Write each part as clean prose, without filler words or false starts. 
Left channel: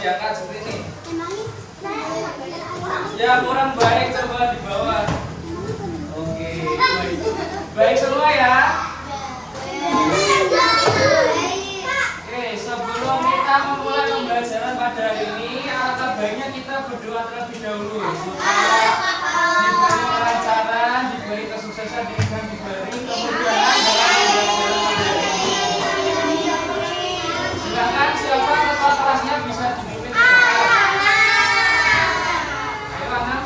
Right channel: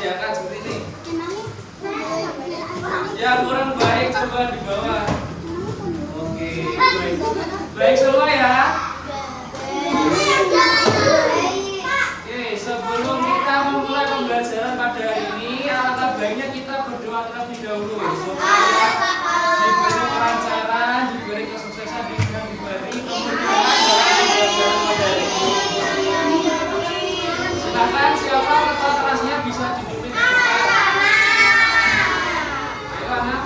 diangkat seperti ini. Ya kurang baik, coba di bawah. Oke, baik semua ya. Oke, sebelum kita memulai pembelajaran pada hari ini, alangkah baiknya kita berdoa terlebih dahulu supaya diberi kelancaran, diberi kesuksesan, diberi kemudahan dalam pembelajaran pada hari ini. Silakan siapa ketua kelasnya bisa dipimpin ke depan. Ayo anak.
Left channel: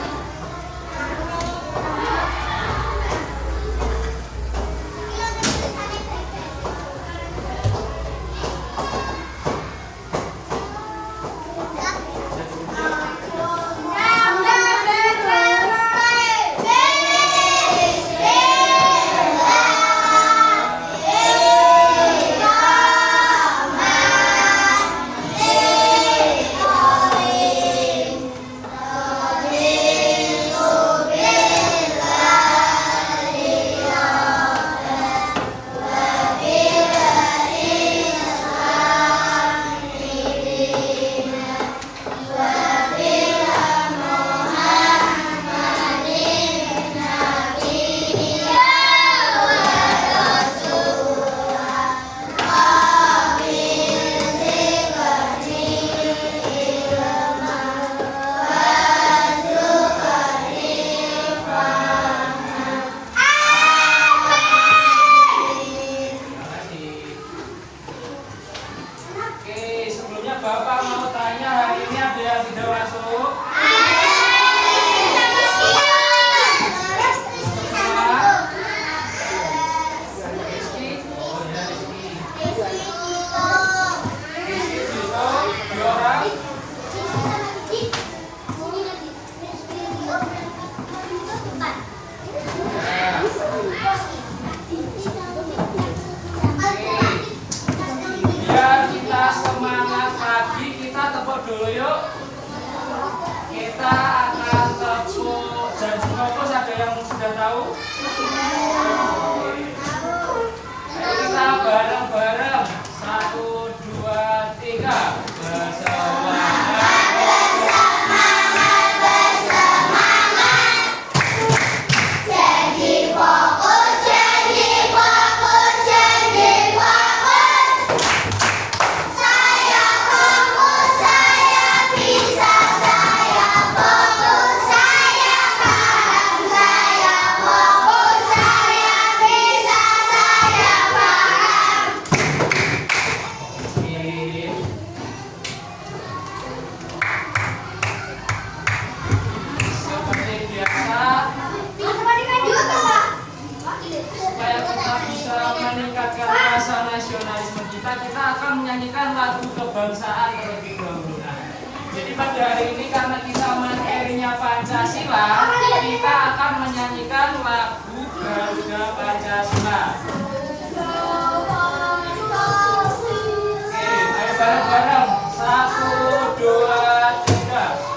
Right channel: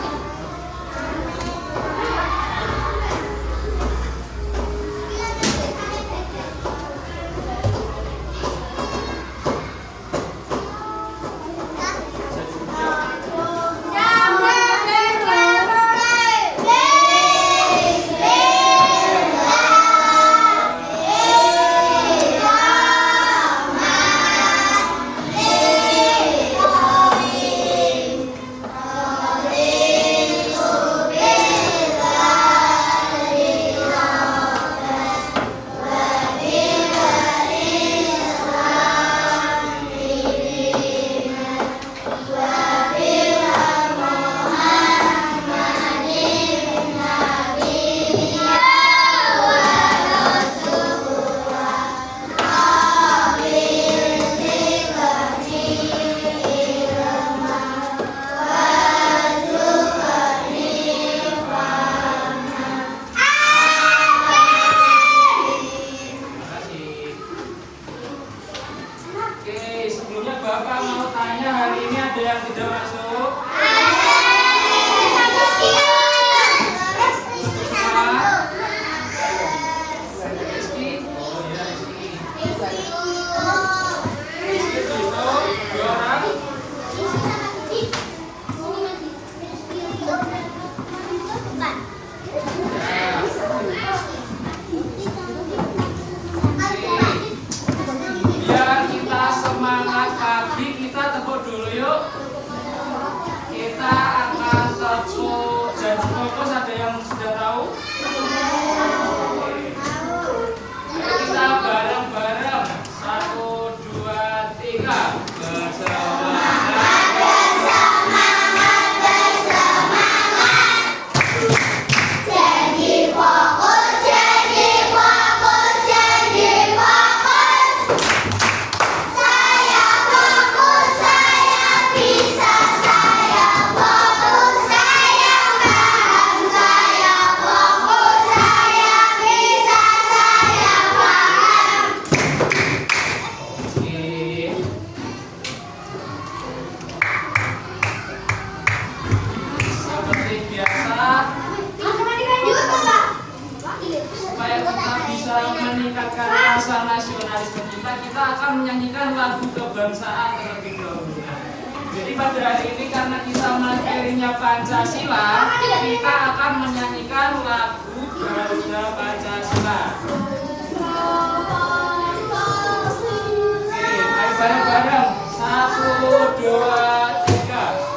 Jadi pada hari ini karena kita materinya Pancasila, kita akan menyanyikan lagu Garuda Pancasila. Oke, ayo bareng-bareng. 1, 2, 3.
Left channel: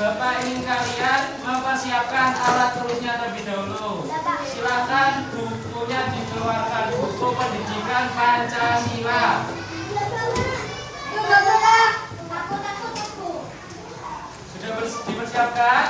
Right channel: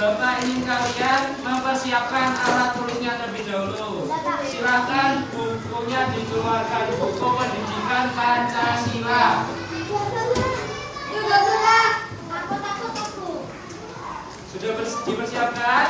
Bapak ingin kalian mempersiapkan alat tulisnya terlebih dahulu. Silakan bukunya dikeluarkan, buku pendidikan Pancasila. Sudah dipersiapkan?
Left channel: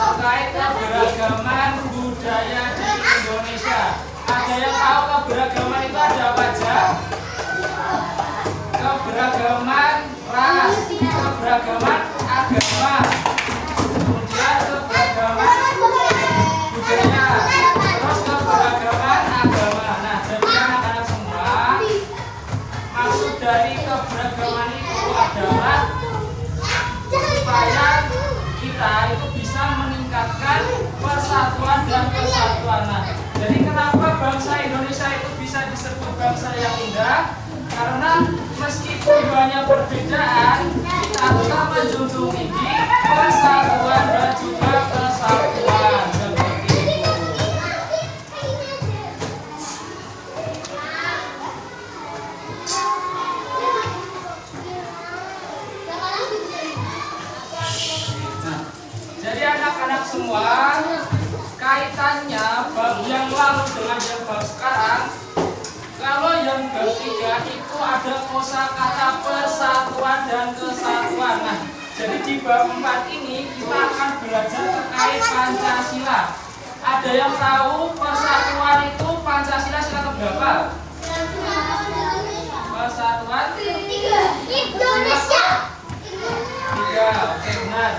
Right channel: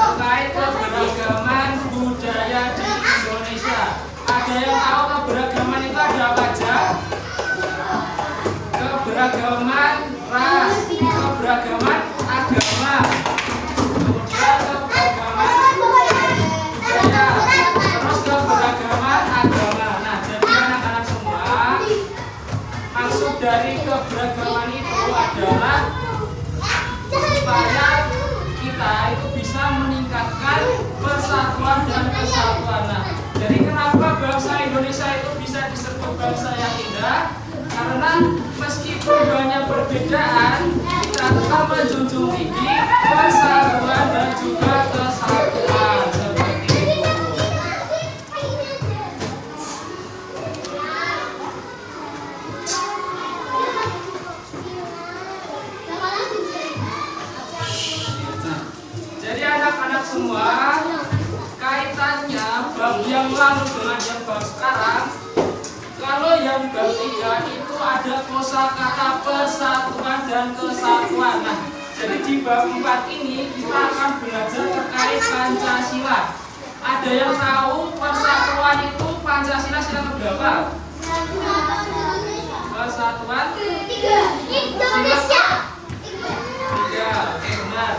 terkait keberagaman budaya di Indonesia. Ada yang tahu keberagaman itu ada apa aja? Keberagaman ras, keberagaman agama, kemudian keberagaman budaya, terus keberagaman agama. Nah, jadi anak-anak semua, maksud dari keberagaman itu adalah supaya kita itu bisa meningkatkan persatuan dan kesatuan. Nah, jadi kenapa bangsa Indonesia itu bisa disebut bangsa yang indah? Karena meskipun banyak perbedaan, kita tetap menjunjung tinggi persatuan dan juga kesatuan. Seperti itu. Jadi anak-anak semua, kaitannya bab yang lalu dengan yang bab sekarang. Kalau yang bab 3 itu ada kosakata persatuan dan kesatuan. Nah, jadi di bab 4 ini kita akan belajar terkait Pancasila. Ada yang tahu persatuan itu Pancasila sila keberapa? Persatuan? 3. Indonesia. 3. Oke, benar.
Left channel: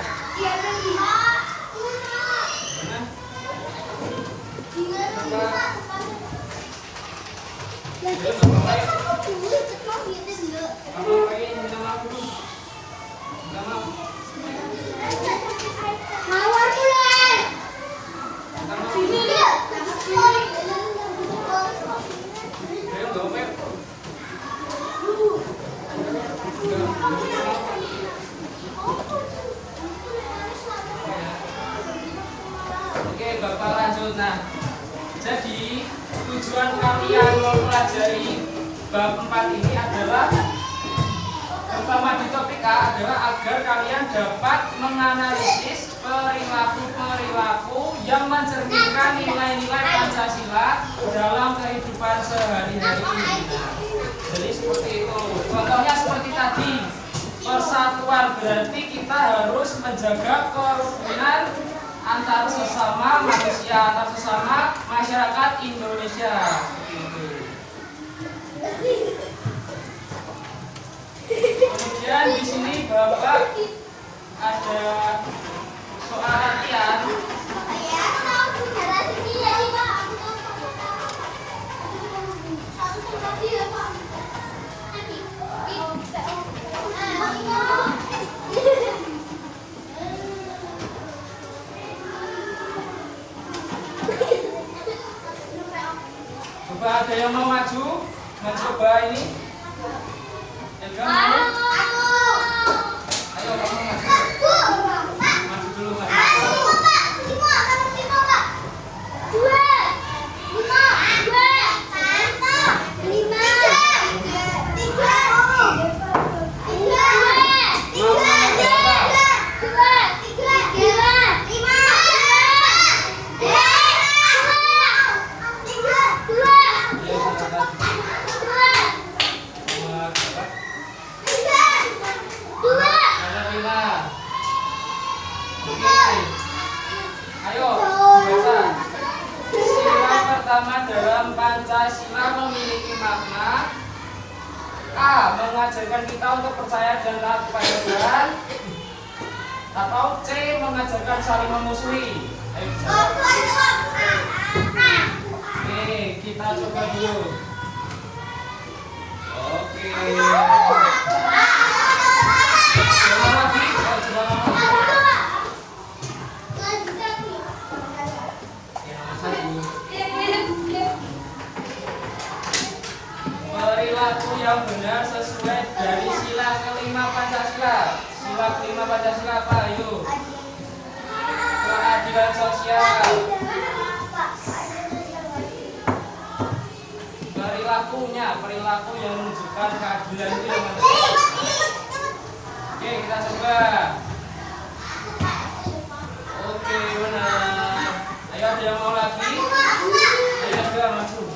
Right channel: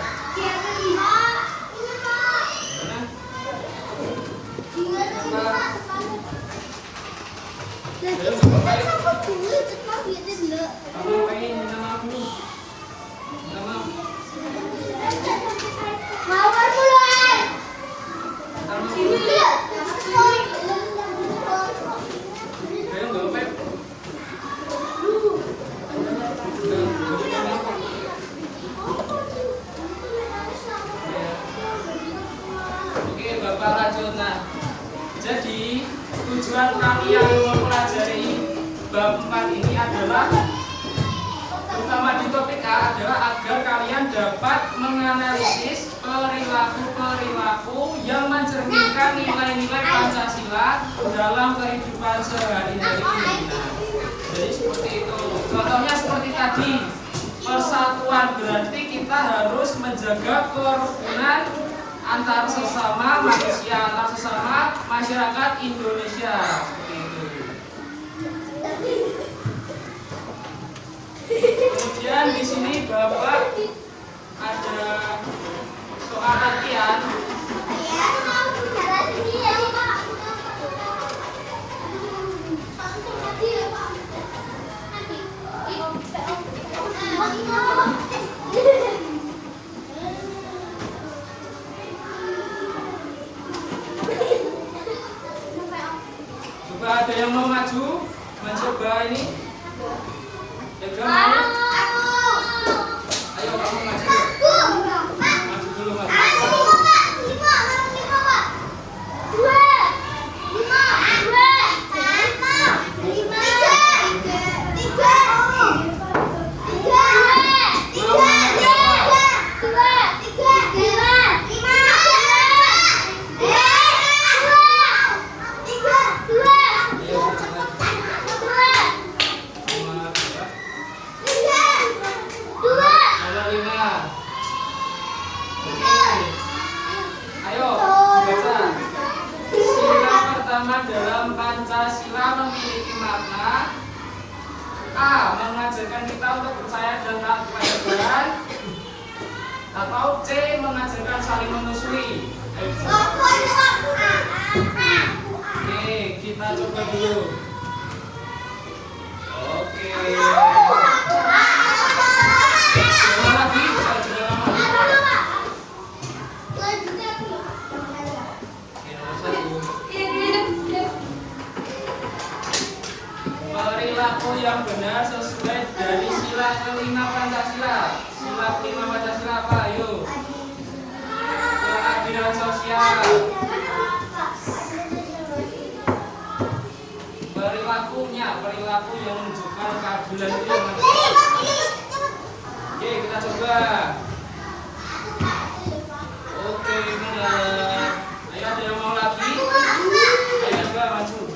Oke, Bapak lanjut. Nah, jadi tujuan kalian mempelajari bab 4 ini adalah pertama di topik A adalah agar kalian dapat menganalisis perilaku-perilaku yang mencerminkan nilai-nilai Pancasila dalam kehidupan sehari-hari ini. Nah, jadi seperti itu. Contohnya seperti tadi, persatuan berarti kita harus menjaga kerukunan antar sesama manusia, antar sesama masyarakat Indonesia. Kemudian di sini Bapak ada soal latihan. Coba ada yang mau maju, mencoba ini? Juga mau? Ayo kamu maju. Maju dulu maju. dalam Pancasila memiliki makna A. Mengajarkan kita untuk percaya dan taat kepada Tuhan, atau C. Mengajarkan saling memusuhi. Ayo coba. Oke, kita coba dulu. Oke. Coba lagi, coba lagi. Perilaku yang benar sesuai dari sila kelima Pancasila. Sila kelima Pancasila apa? Ayo. Keadilan sosial. Perilaku yang menunjukkan keadilan itu yang mana? Oke, kita coba. Oke, benar. Ayo, ada yang mau lagi? Ayo, coba maju.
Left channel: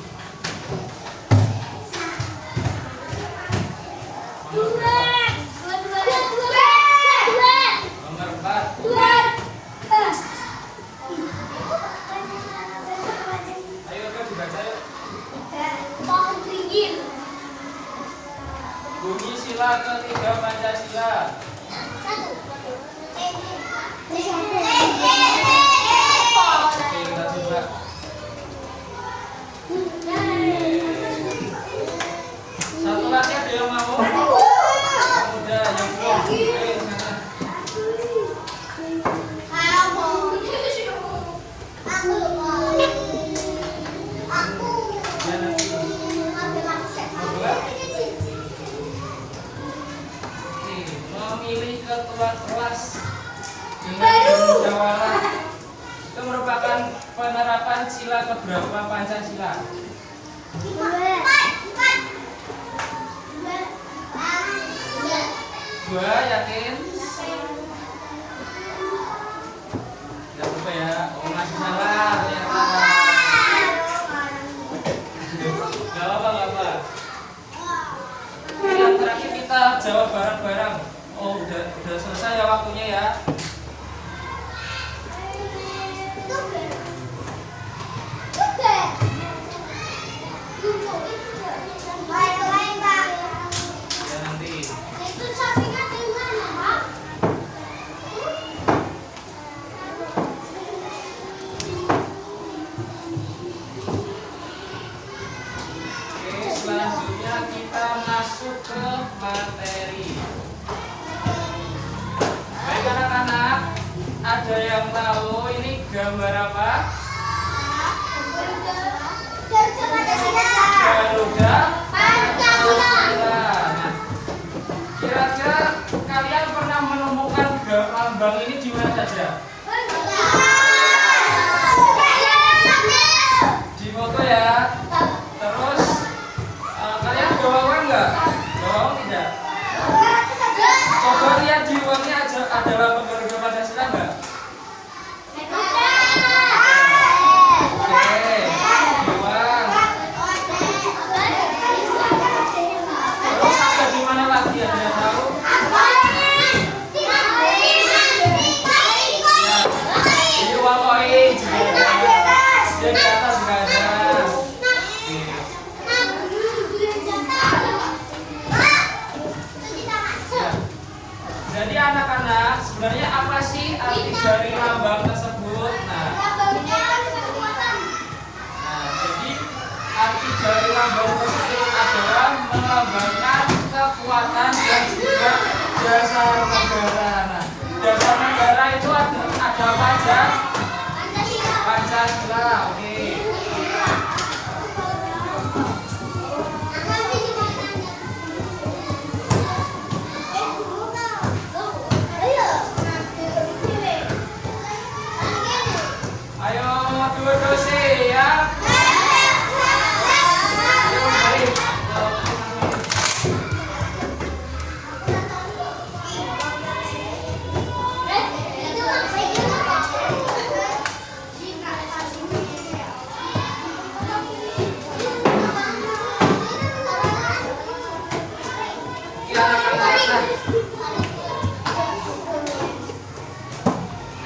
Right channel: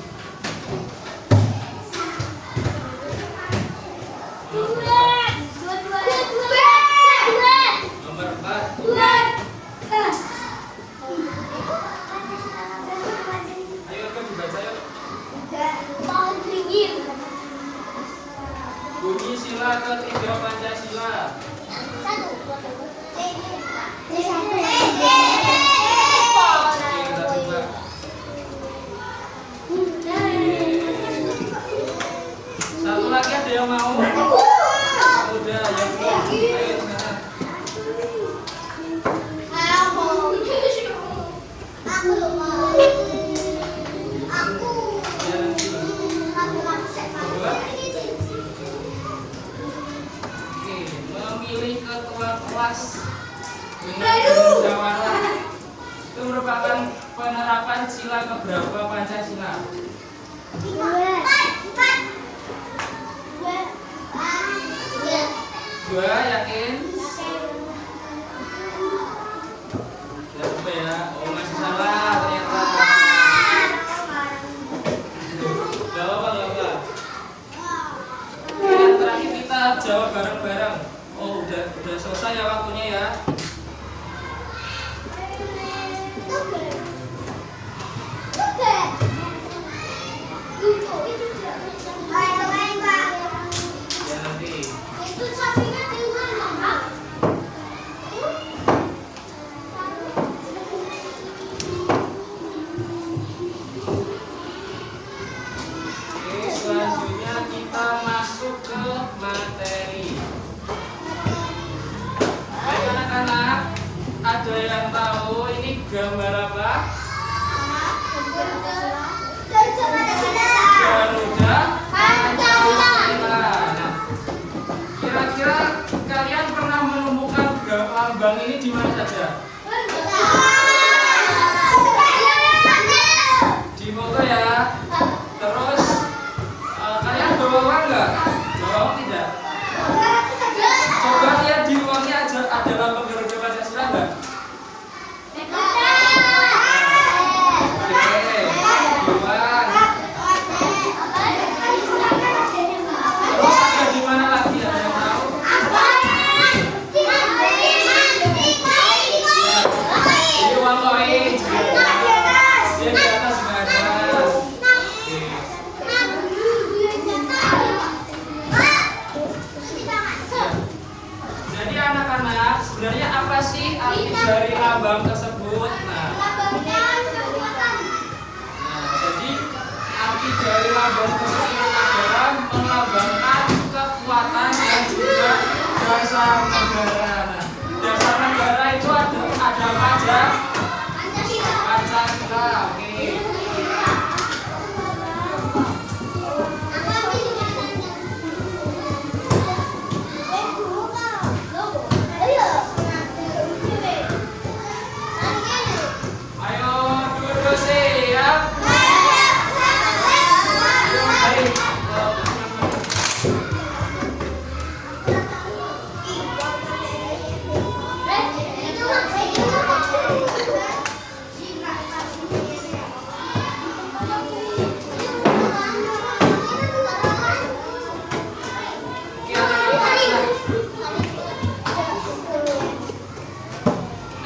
Nomor 4. Ayo, kan dibaca yuk. Bunyi sila ketiga Pancasila. Oke, kita coba. Satu lagi ada yang mau? Udah, yang belum. Ayo, sana. Ya, nanti. Coba. Oke, memilih ketua kelas dengan bermusyawarah itu merupakan penerapan sila keberapa Pancasila? Dua, yakin? Tidak apa ya? Oh, masih salah ternyata. Gak apa, gak apa. Yang terakhir kita jawab bareng-bareng. Oh, udah selesai ya waktunya ya. Ya nanti. Oke, selanjutnya kita masuk ke materi. Baik anak-anak, ada yang tahu ini gambar apa? Garuda Pancasila. Nah, kira-kira kalian pernah menemukan lambang ini di mana saja? Di foto ya. Terus kalian bawa uang nggak? Bawa uang tidak? Coba lihat di uangnya ada lambang Garuda Pancasila nggak? Oke, di uang. Terus ada di mana lagi? Ada yang tahu? Di uang koin. Dia di atas nggak ada. Oke. Ya. Jadi anak-anak, sebenarnya apa sih arti dari lambang tersebut? Nah, jadi arti dari lambang tersebut adalah melambangkan kekuatan dan juga dasar negara. Nah, dasar negara itu ada apa aja? Pancasila. Oke. Ayo dua-dua sih ya. Ayo, baik. Iya, anak-anak.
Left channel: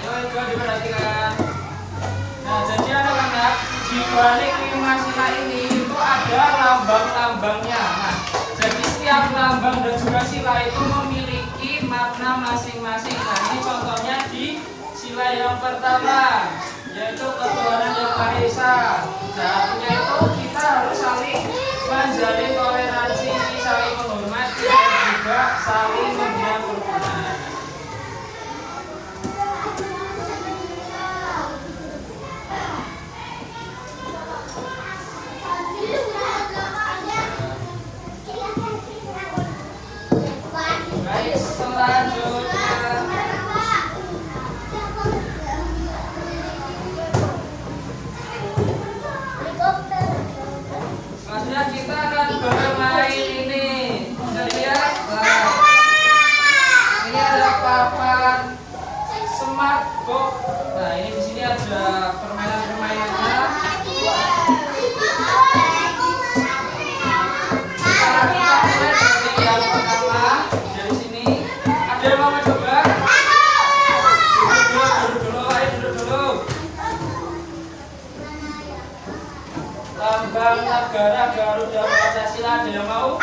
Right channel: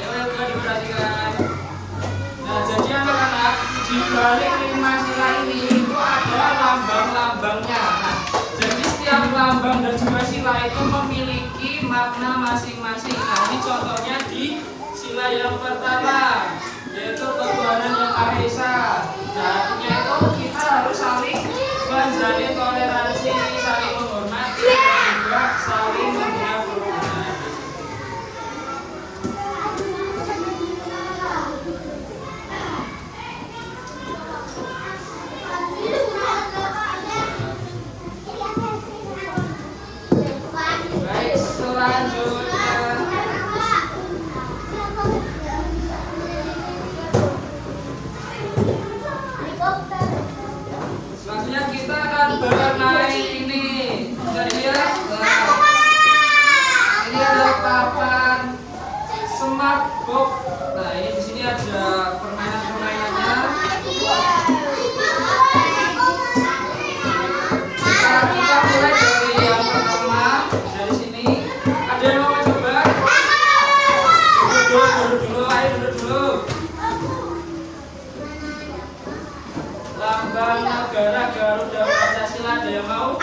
Ayo Ilka diperhatikan. Nah, jadi anak-anak di balik 5 sila ini itu memiliki makna masing-masing. Nah, ini contohnya di sila yang pertama, yaitu ketuhanan yang Maha Esa. Nah, artinya itu kita harus saling menjalin toleransi, saling menghormati, dan juga saling membina kerukunan. Baik, selanjutnya. Selanjutnya kita akan bermain ini. Bisa dilihat? Nah, ini ada papan smart box. Nah, ini di sini ada permainan-permainannya. Nah, kita mulai dari yang pertama. Dari sini. Ada yang mau coba? Duduk dulu, ayo duduk dulu. Lambang negara Garuda Pancasila, ada yang mau?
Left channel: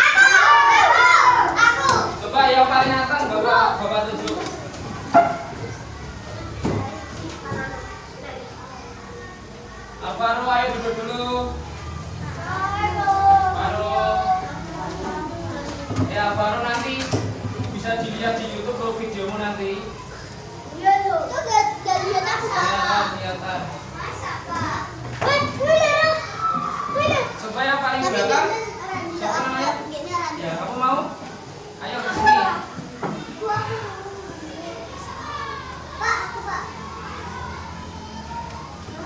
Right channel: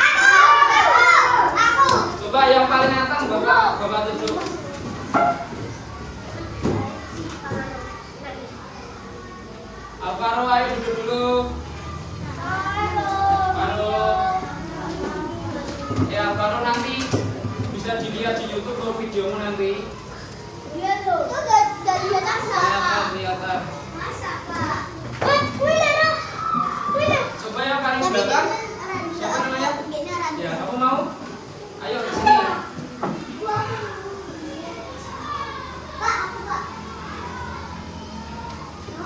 Coba yang paling atas bapak tunjuk. Alvaro, ayo duduk dulu. Alvaro nanti bisa dilihat di YouTube atau videomu nanti. Kelihatan. Coba yang paling belakang. Siapa namanya? Ya, kamu mau? Ayo ke sini ya.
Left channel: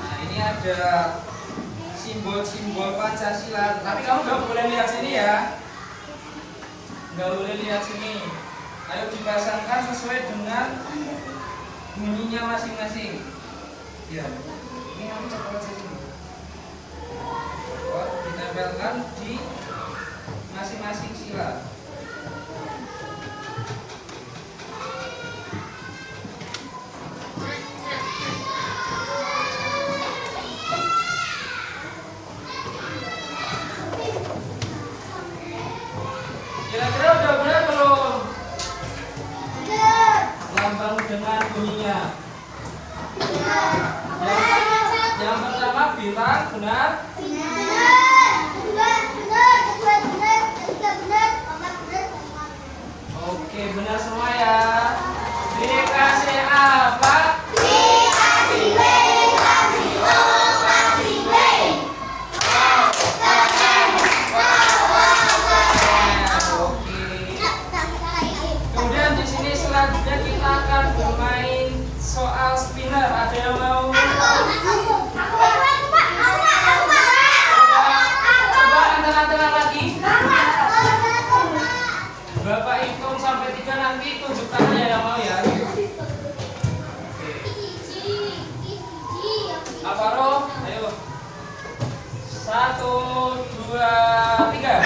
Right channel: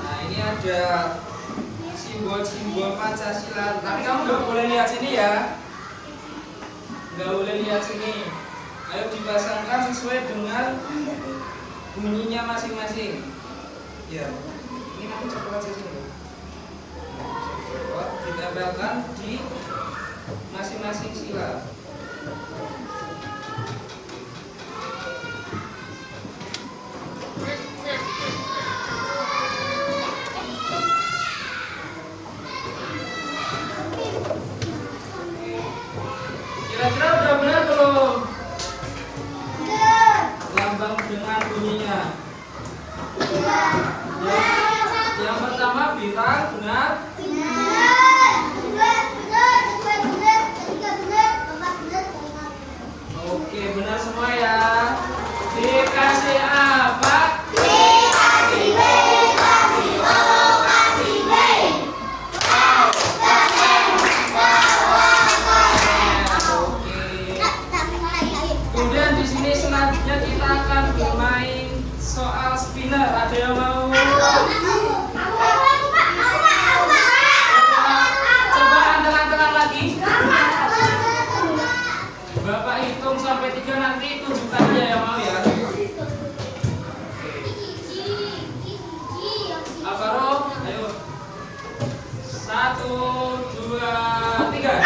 Nah, ini ada simbol-simbol Pancasila. Tapi kamu nggak boleh lihat sini ya. Nggak boleh lihat sini. Ayo dipasangkan sesuai dengan bunyinya masing-masing. Ya, ini kamu coba aja dulu. Ditempelkan di masing-masing sila. Kira-kira udah benar belum? Lambang dengan bunyinya. Yang pertama bintang, benar? Oke, benar semua ya. Dikasih apa? Dikasih B, kasih O, kasih B. Oke. Kemudian di sini selanjutnya kita akan bermain soal spinner. Ada yang mau? Coba anteng-anteng lagi. Bapak hitung sampai 3 nanti tunjukkan aja yang mau ya. Alvaro, ayo. 1, 2, 3.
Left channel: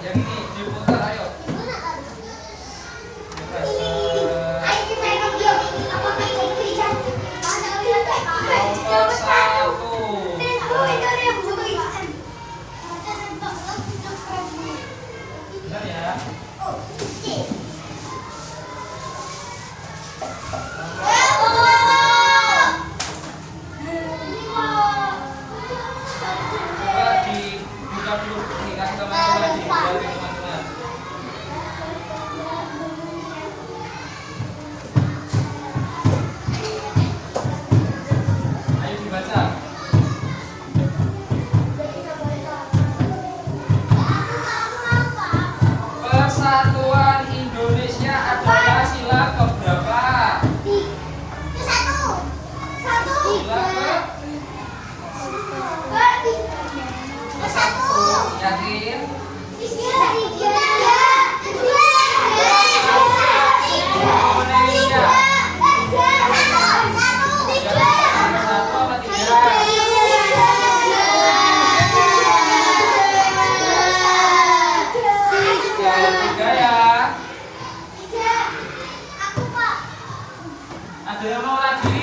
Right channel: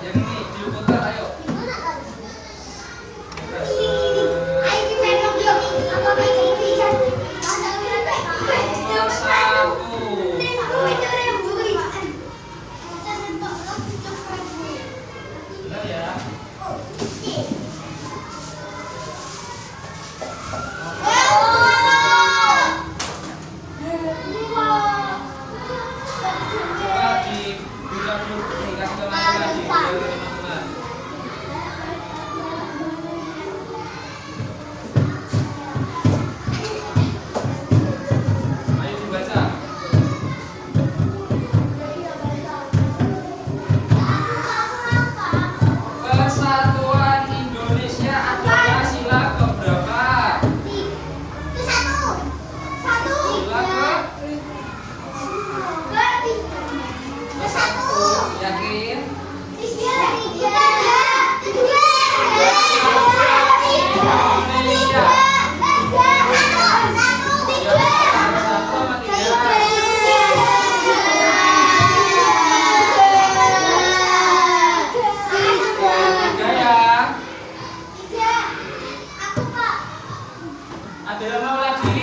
Yang ini diputar, ayo. Nomor 1. Benar ya? Coba dibuka dulu, dikasih teman-teman lagi, bagi teman-teman. Ayo dibaca. Persatuan Indonesia adalah sila keberapa? Sila ke-1. Yakin? Indonesia. Yang satu apa tidak? Tiga ya. Ada yang mau lagi?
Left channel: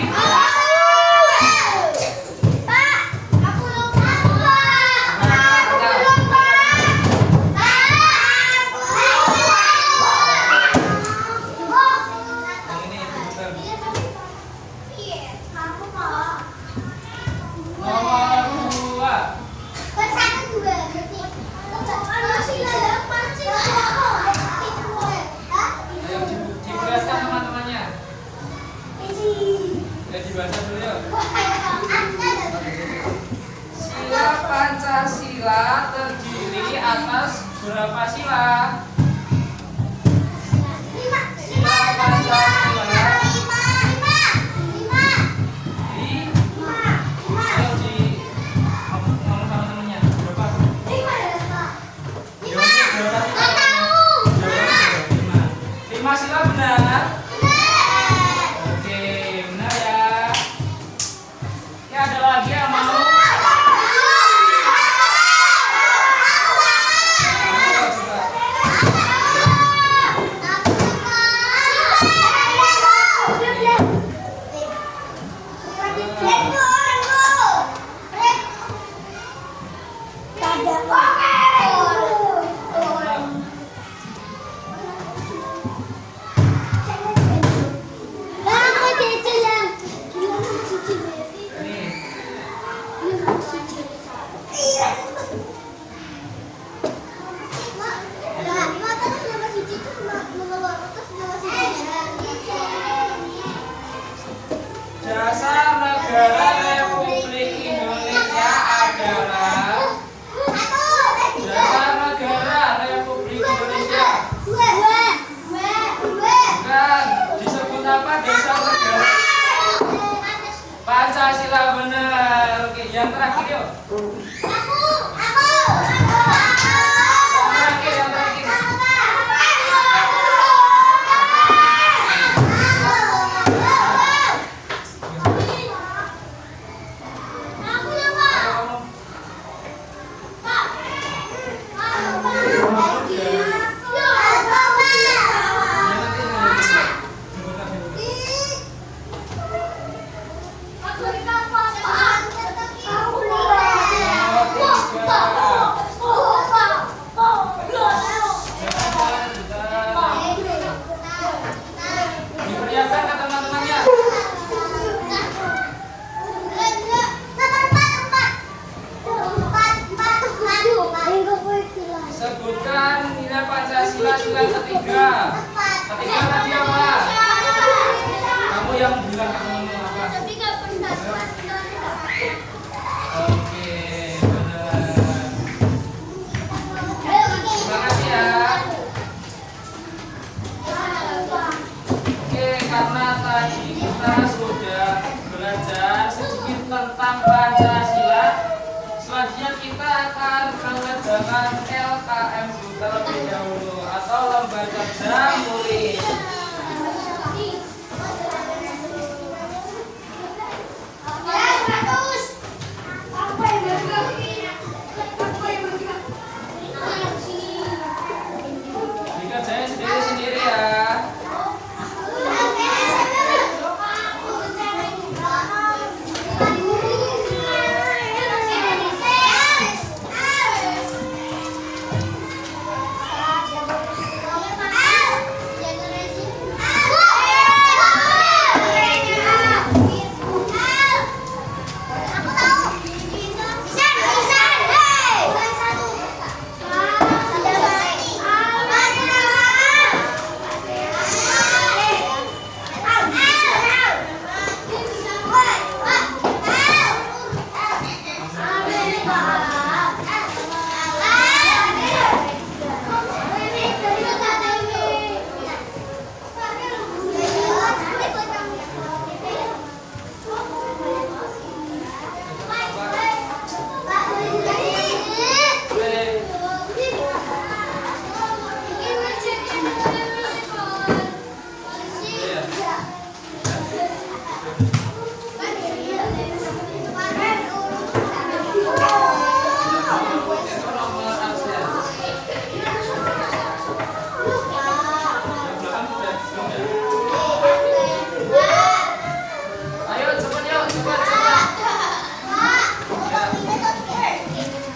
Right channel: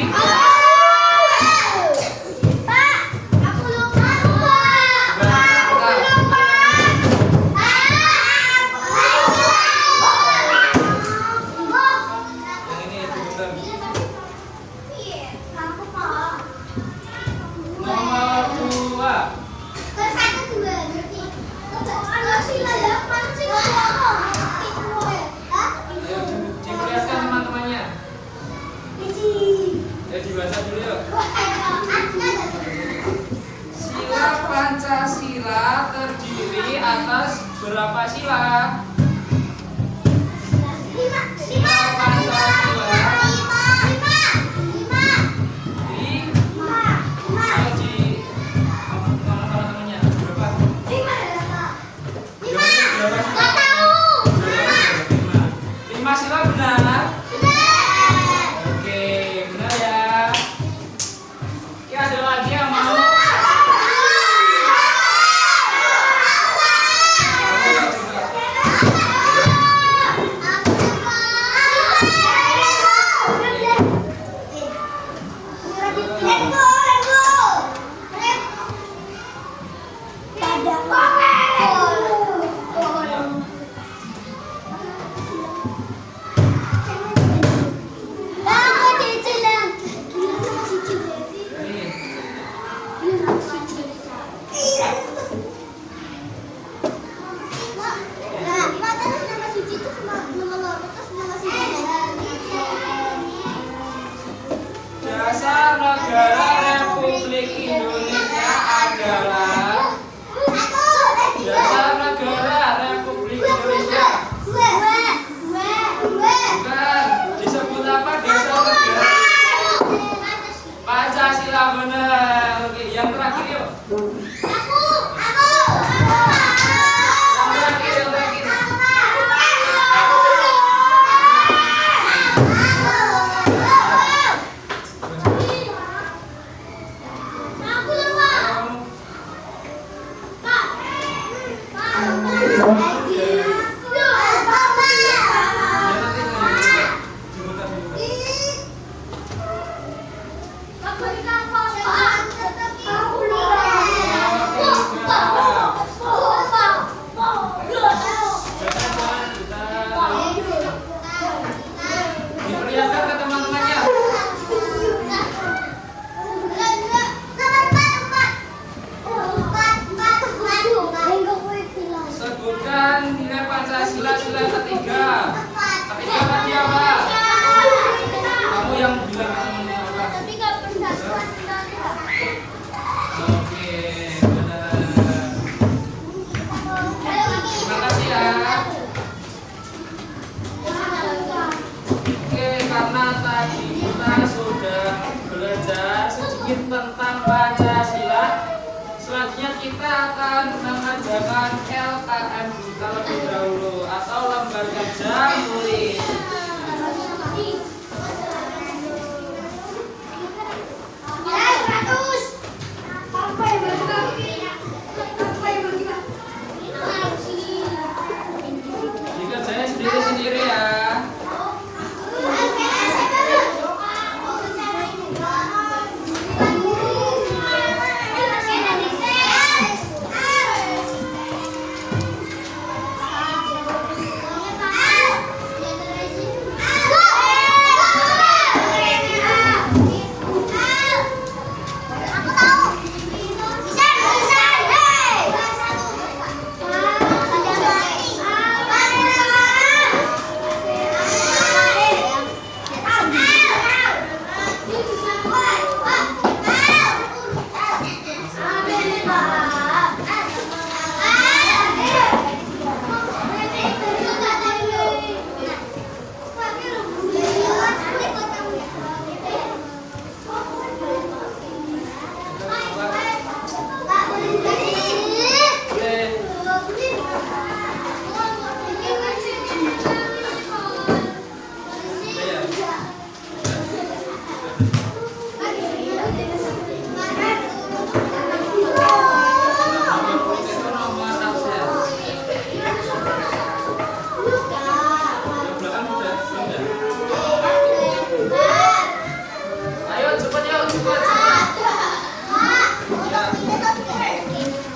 berapa sila? Lima. Sila Pancasila. Di ayo di ngomong sama temennya berapa? Jawabnya berapa sila? Berapa? 5 sila benar? Oke, benar ya. Ya ada lagi yang mau? Dasar negara Republik Indonesia adalah Dasar negara Republik Indonesia. Bukan. Disebut apa dasar negara? Pancasila benar. Oke, yang terakhir yuk. Yang terakhir. Diperlihatkan ke teman-temannya. Sebutkan nilai Pancasila sila ketiga. Ketiga tadi apa? Kamu yang bilang ke teman-teman apa? Oke, benar. Terima kasih ya. Oke, karena tadi kita sudah belajar sedikit tentang Pancasila, selanjutnya kita akan mengerjakan LKM terlebih dahulu atau lembaga jam tulis. Dikerjain sendiri-sendiri ya.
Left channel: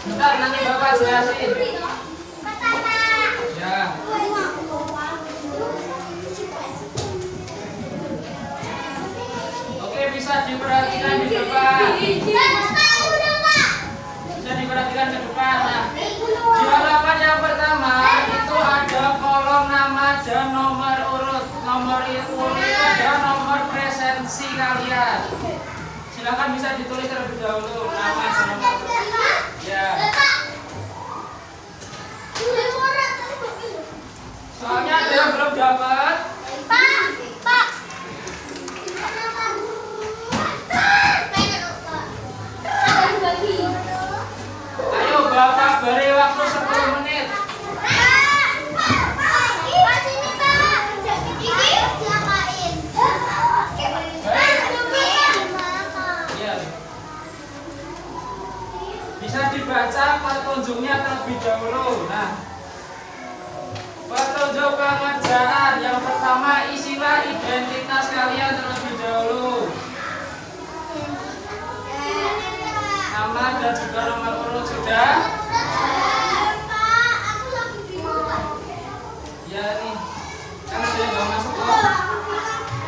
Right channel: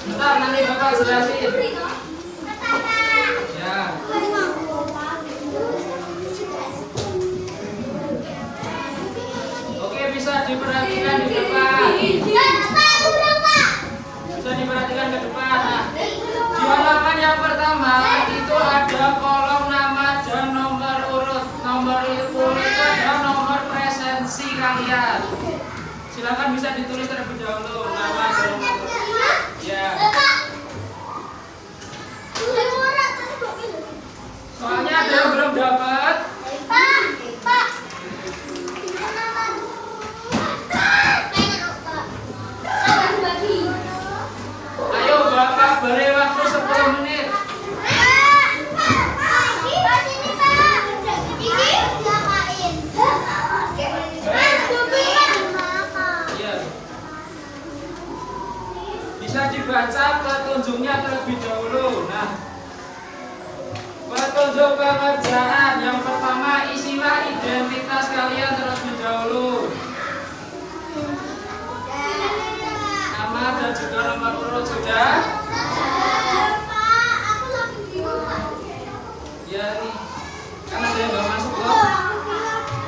Bentar, nanti Bapak jelasin. Ya. Oke, bisa diperhatikan di depan. Bisa diperhatikan ke depan. Nah, di halaman yang pertama itu ada kolom nama dan nomor urut. Nomor urut itu adalah nomor presensi kalian. Silakan bisa ditulis terlebih dahulu nama dan nomor urut. Ya. Soalnya ada yang belum dapat. Pak, Pak. Ayo Bapak beri waktu 10 menit. Iya. Bisa dibaca petunjuknya terlebih dahulu. Nah, petunjuk pekerjaan yang pertama, isilah identitas kalian terlebih dahulu. Nama dan juga nomor urut sudah. Ya nih, kan ada yang nggak masuk loh.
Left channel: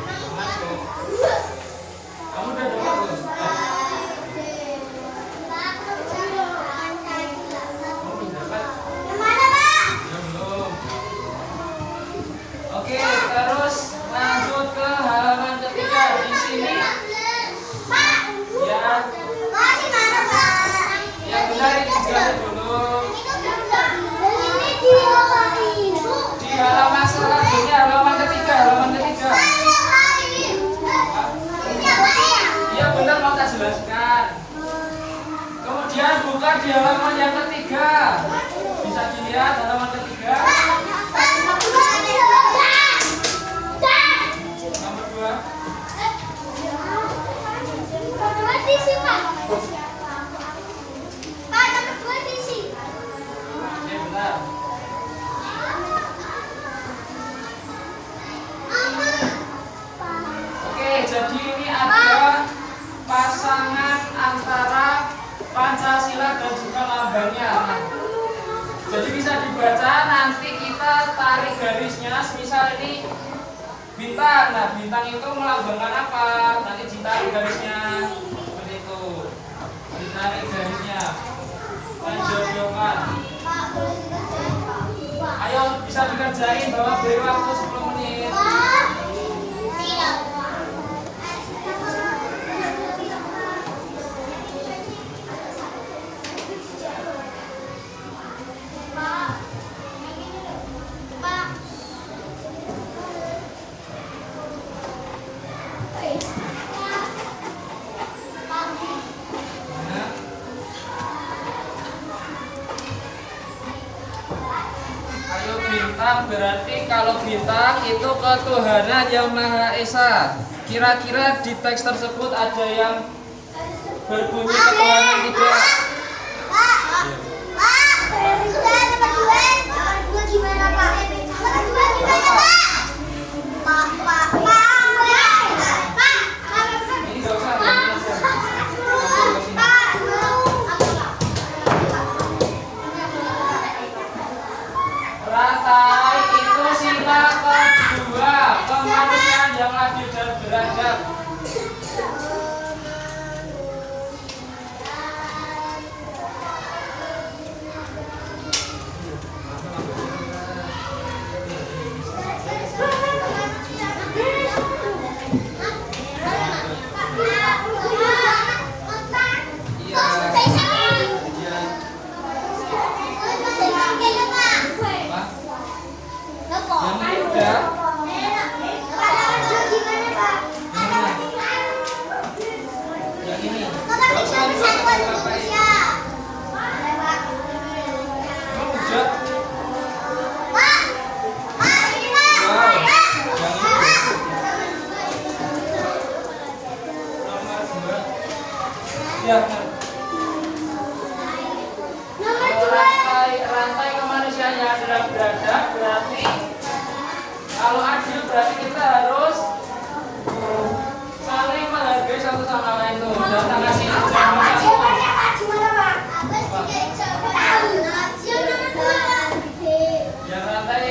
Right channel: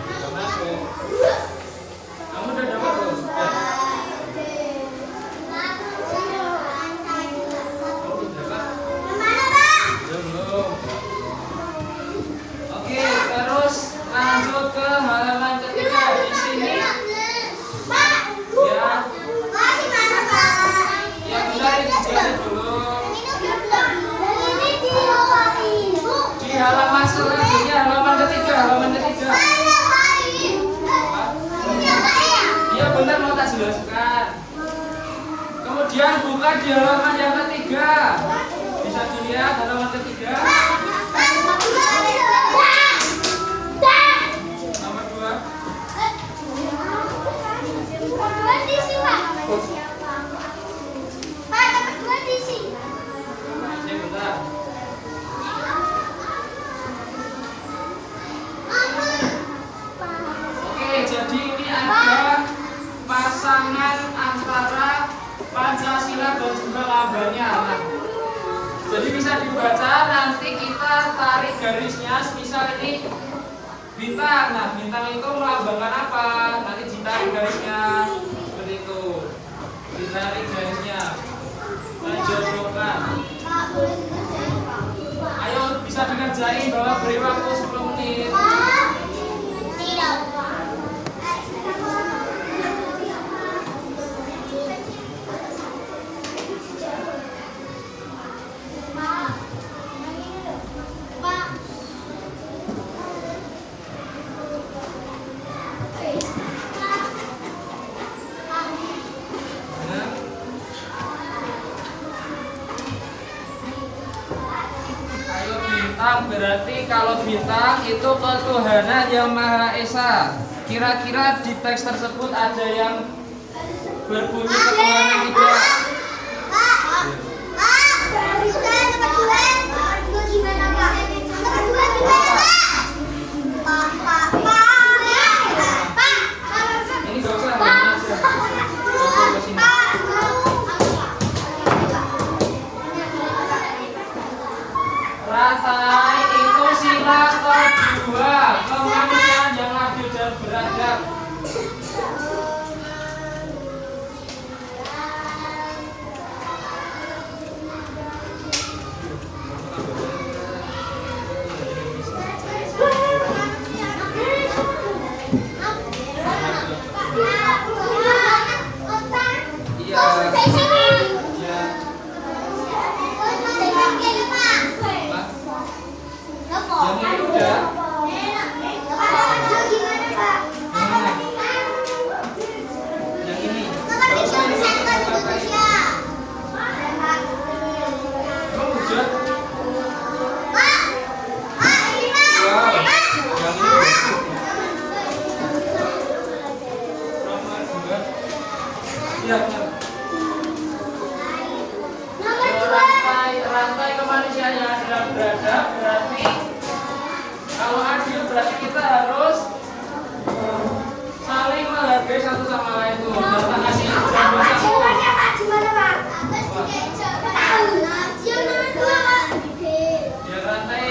Nggak masuk. Kamu udah dapat belum? Sudah. Kamu udah dapat? Belum. Oke, terus lanjut ke halaman ketiga di sini. Ya, yang benar itu jawab dulu. Di halaman selanjutnya, halaman ketiga. Iya benar, mau tak jelaskan. Kemudian buka di halaman yang ketiga. Bisa dilihat halaman ketiga. Nomor 2. Ini benar. Oke, jadi ini ada pasangan antara Pancasila dan juga lambangnya. Nah, jadi bisa dibaca, nanti kita tarik garisnya. Misal ini bintang. Nah, bintang itu melambangkan apa? Nanti ditarik garisnya. Seperti itu. Ditarik garisnya. Menjodohkan. Ayo bisa dikerjain, bahwa beri waktu 10 menit. Ayo bintang, berarti kalau bintang itu ketuhanan yang Maha Esa. Kira-kira di teks tersebut ada yang berbunyi ketuhanan tidak? Ini gak usah, rantai itu sila kedua, kemanusiaan yang adil dan beradab. Ya, rantai kemanusiaan yang adalah beradab, berarti kalau adil berarti kita harus saling menghargai satu sama lain tuh. Data kasih jaminan itu. Yang rantai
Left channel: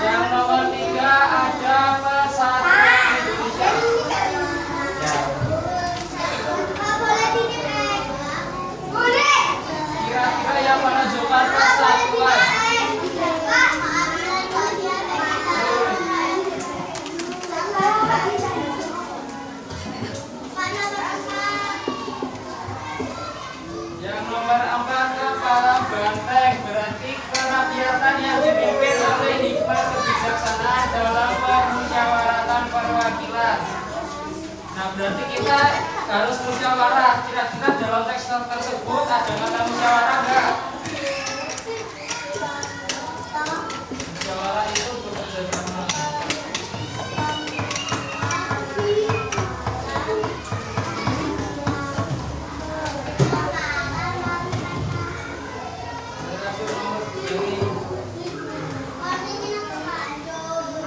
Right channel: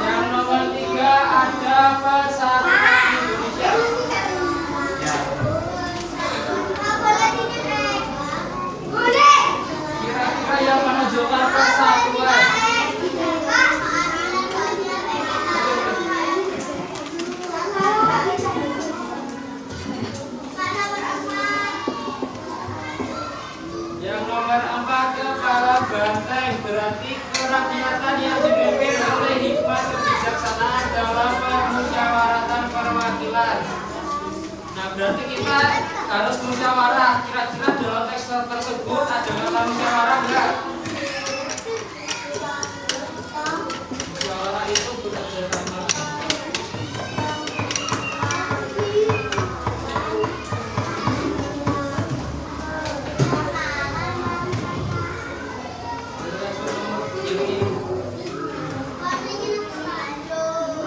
yang nomor 3 ada persatuan Indonesia. Kira-kira yang menunjukkan persatuan. keterampilan. Nah, berarti kita harus musyawarah. Kira-kira dalam teks tersebut ada kata musyawarah enggak? Musyawarah itu bekerja sama.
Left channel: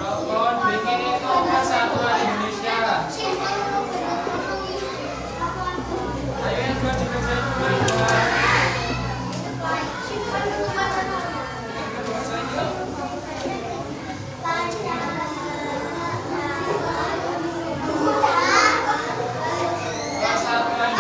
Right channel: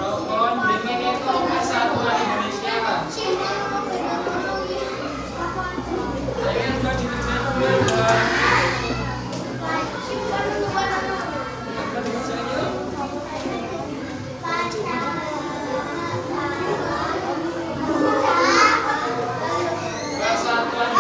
Rokon dingin itu persatuan Indonesia. Ayo yang sudah dikerjain dulu ya. Persatuan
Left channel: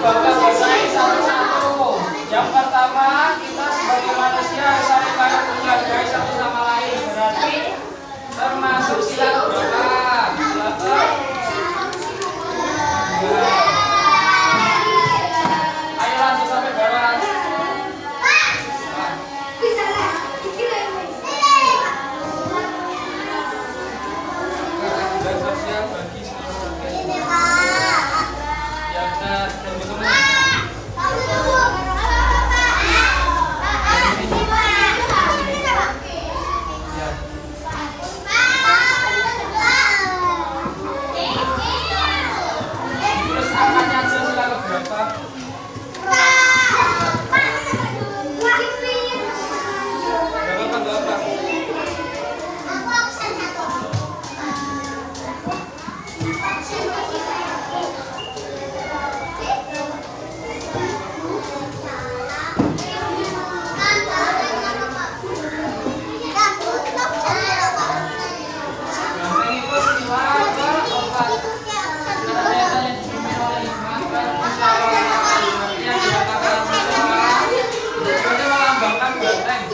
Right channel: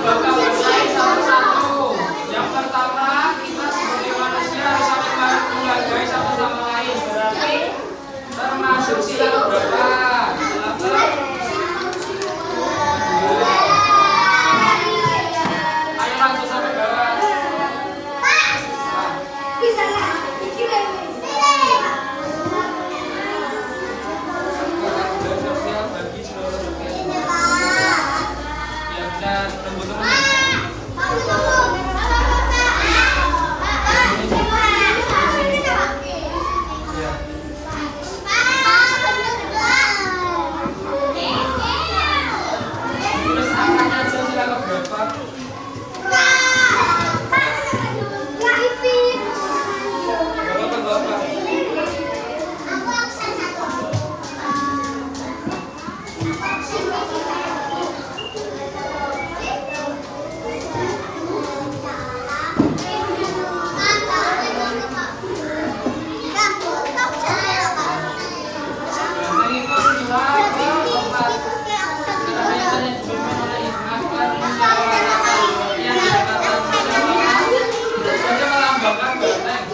bapak-bapak satu-satu. Yang pertama, kita sebagai manusia harus saling menghargai satu sama lain. Berarti termasuk sila keberapa? Sila kedua. Ayo langsung sampai bawah. Bagi seluruh rakyat. Ya benar, tunggu-tunggu. Terus angkanya aja sila keberapa? Berapa? Banteng itu sila keempat. Ternyata yang dimulai mengajar musyawarah. Yang dikatakan musyawarah itu saja melambangkan banteng.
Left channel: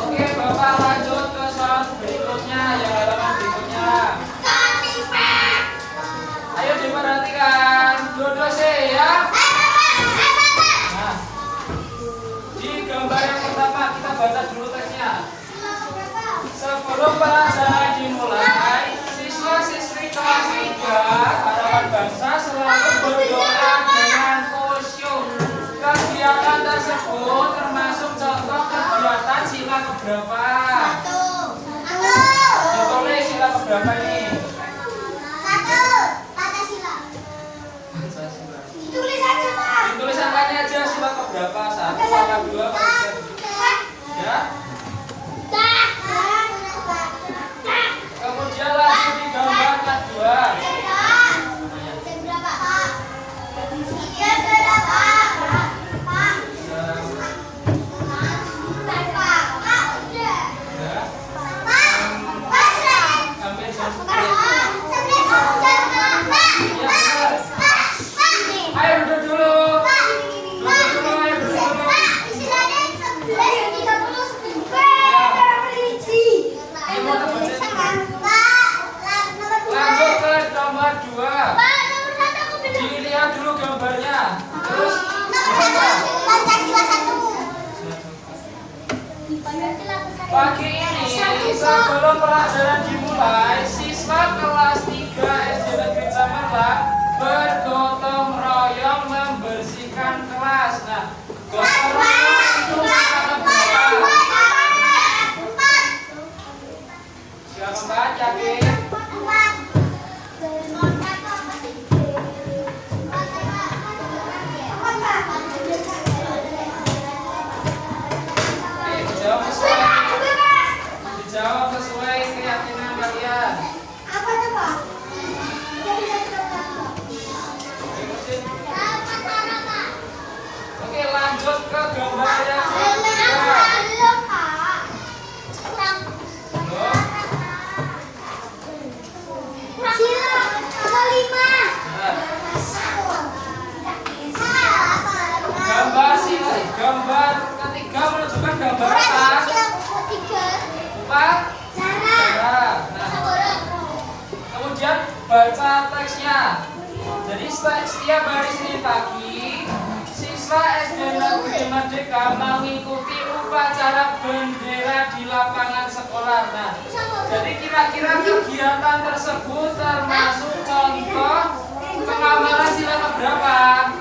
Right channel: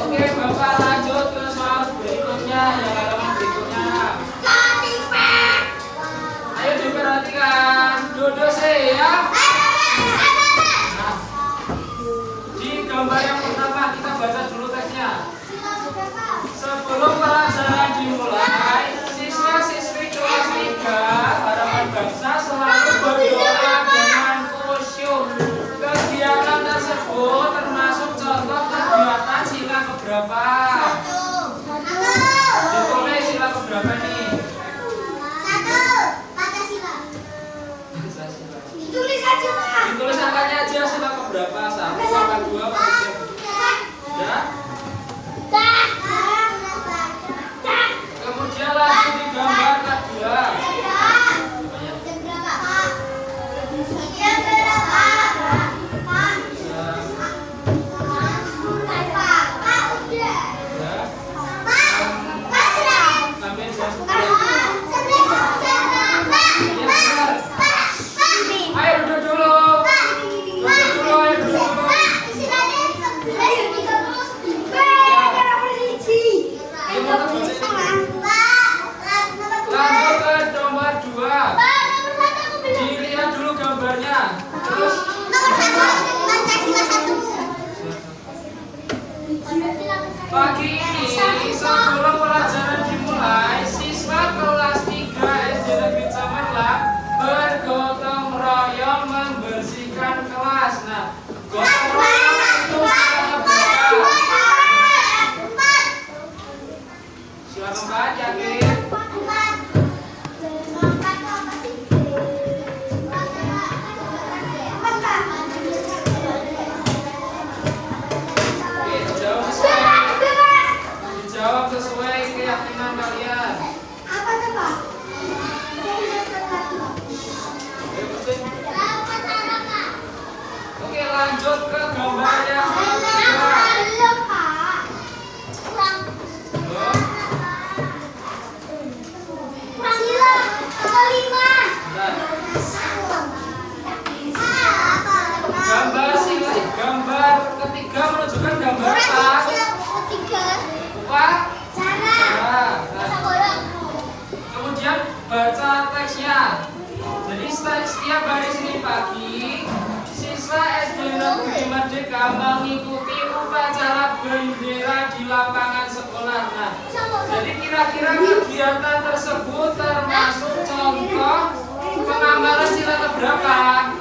Oke, Bapak lanjut ke soal berikutnya, yang halaman berikutnya. Ayo diperhatikan, duduk sih ya. Nah, di gambar yang pertama kita baca dulu teksnya. Sebelum pelajaran dimulai, siswa-siswi kelas 3 Harapan Bangsa selalu berdoa dengan khusyuk. Kegiatan tersebut termasuk contoh kegiatan sila keberapa? Ditulis sila keberapa nih? Ditulis angkanya aja sila keberapa? 1 apa 2 apa 3? Ya? Kemudian lanjut di gambar kedua. Ayo duduk dulu. Ayo duduk dulu. Lanjut ke nomor 2. Dilihat dulu gambarnya. Terus pagi ini sebelum pelajaran dimulai, siswa kelas 3 SD Negeri Cemerlang bergotong royong membersihkan kelas. Nah, gotong royong itu kata berapa? Silakan baca, Ki. Jauh sekali. baca teksnya. Jadi setiap hari Senin pagi siswa SD Negeri Merdeka mengikuti upacara bendera di lapangan sekolah. Nah, jadi kira-kira kegiatan tersebut termasuk contoh pengamalan sila keberapa?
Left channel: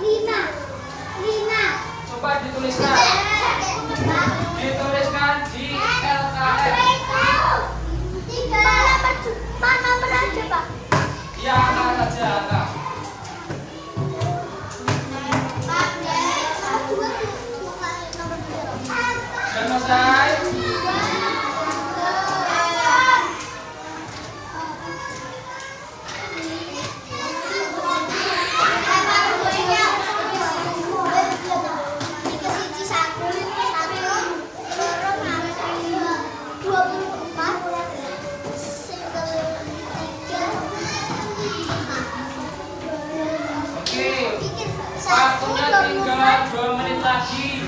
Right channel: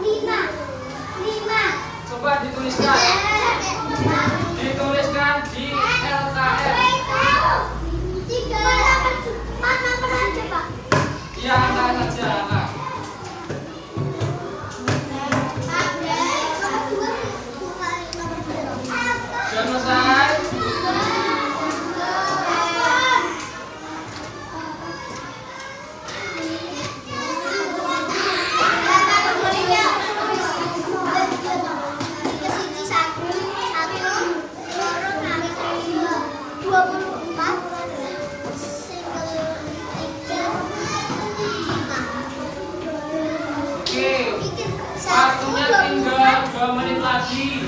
5. Coba dituliskan. Dituliskan di LKM. Mana aja, Pak? Ya, angka saja angka. Sudah selesai? Oke, waktunya tinggal 2 menit lagi.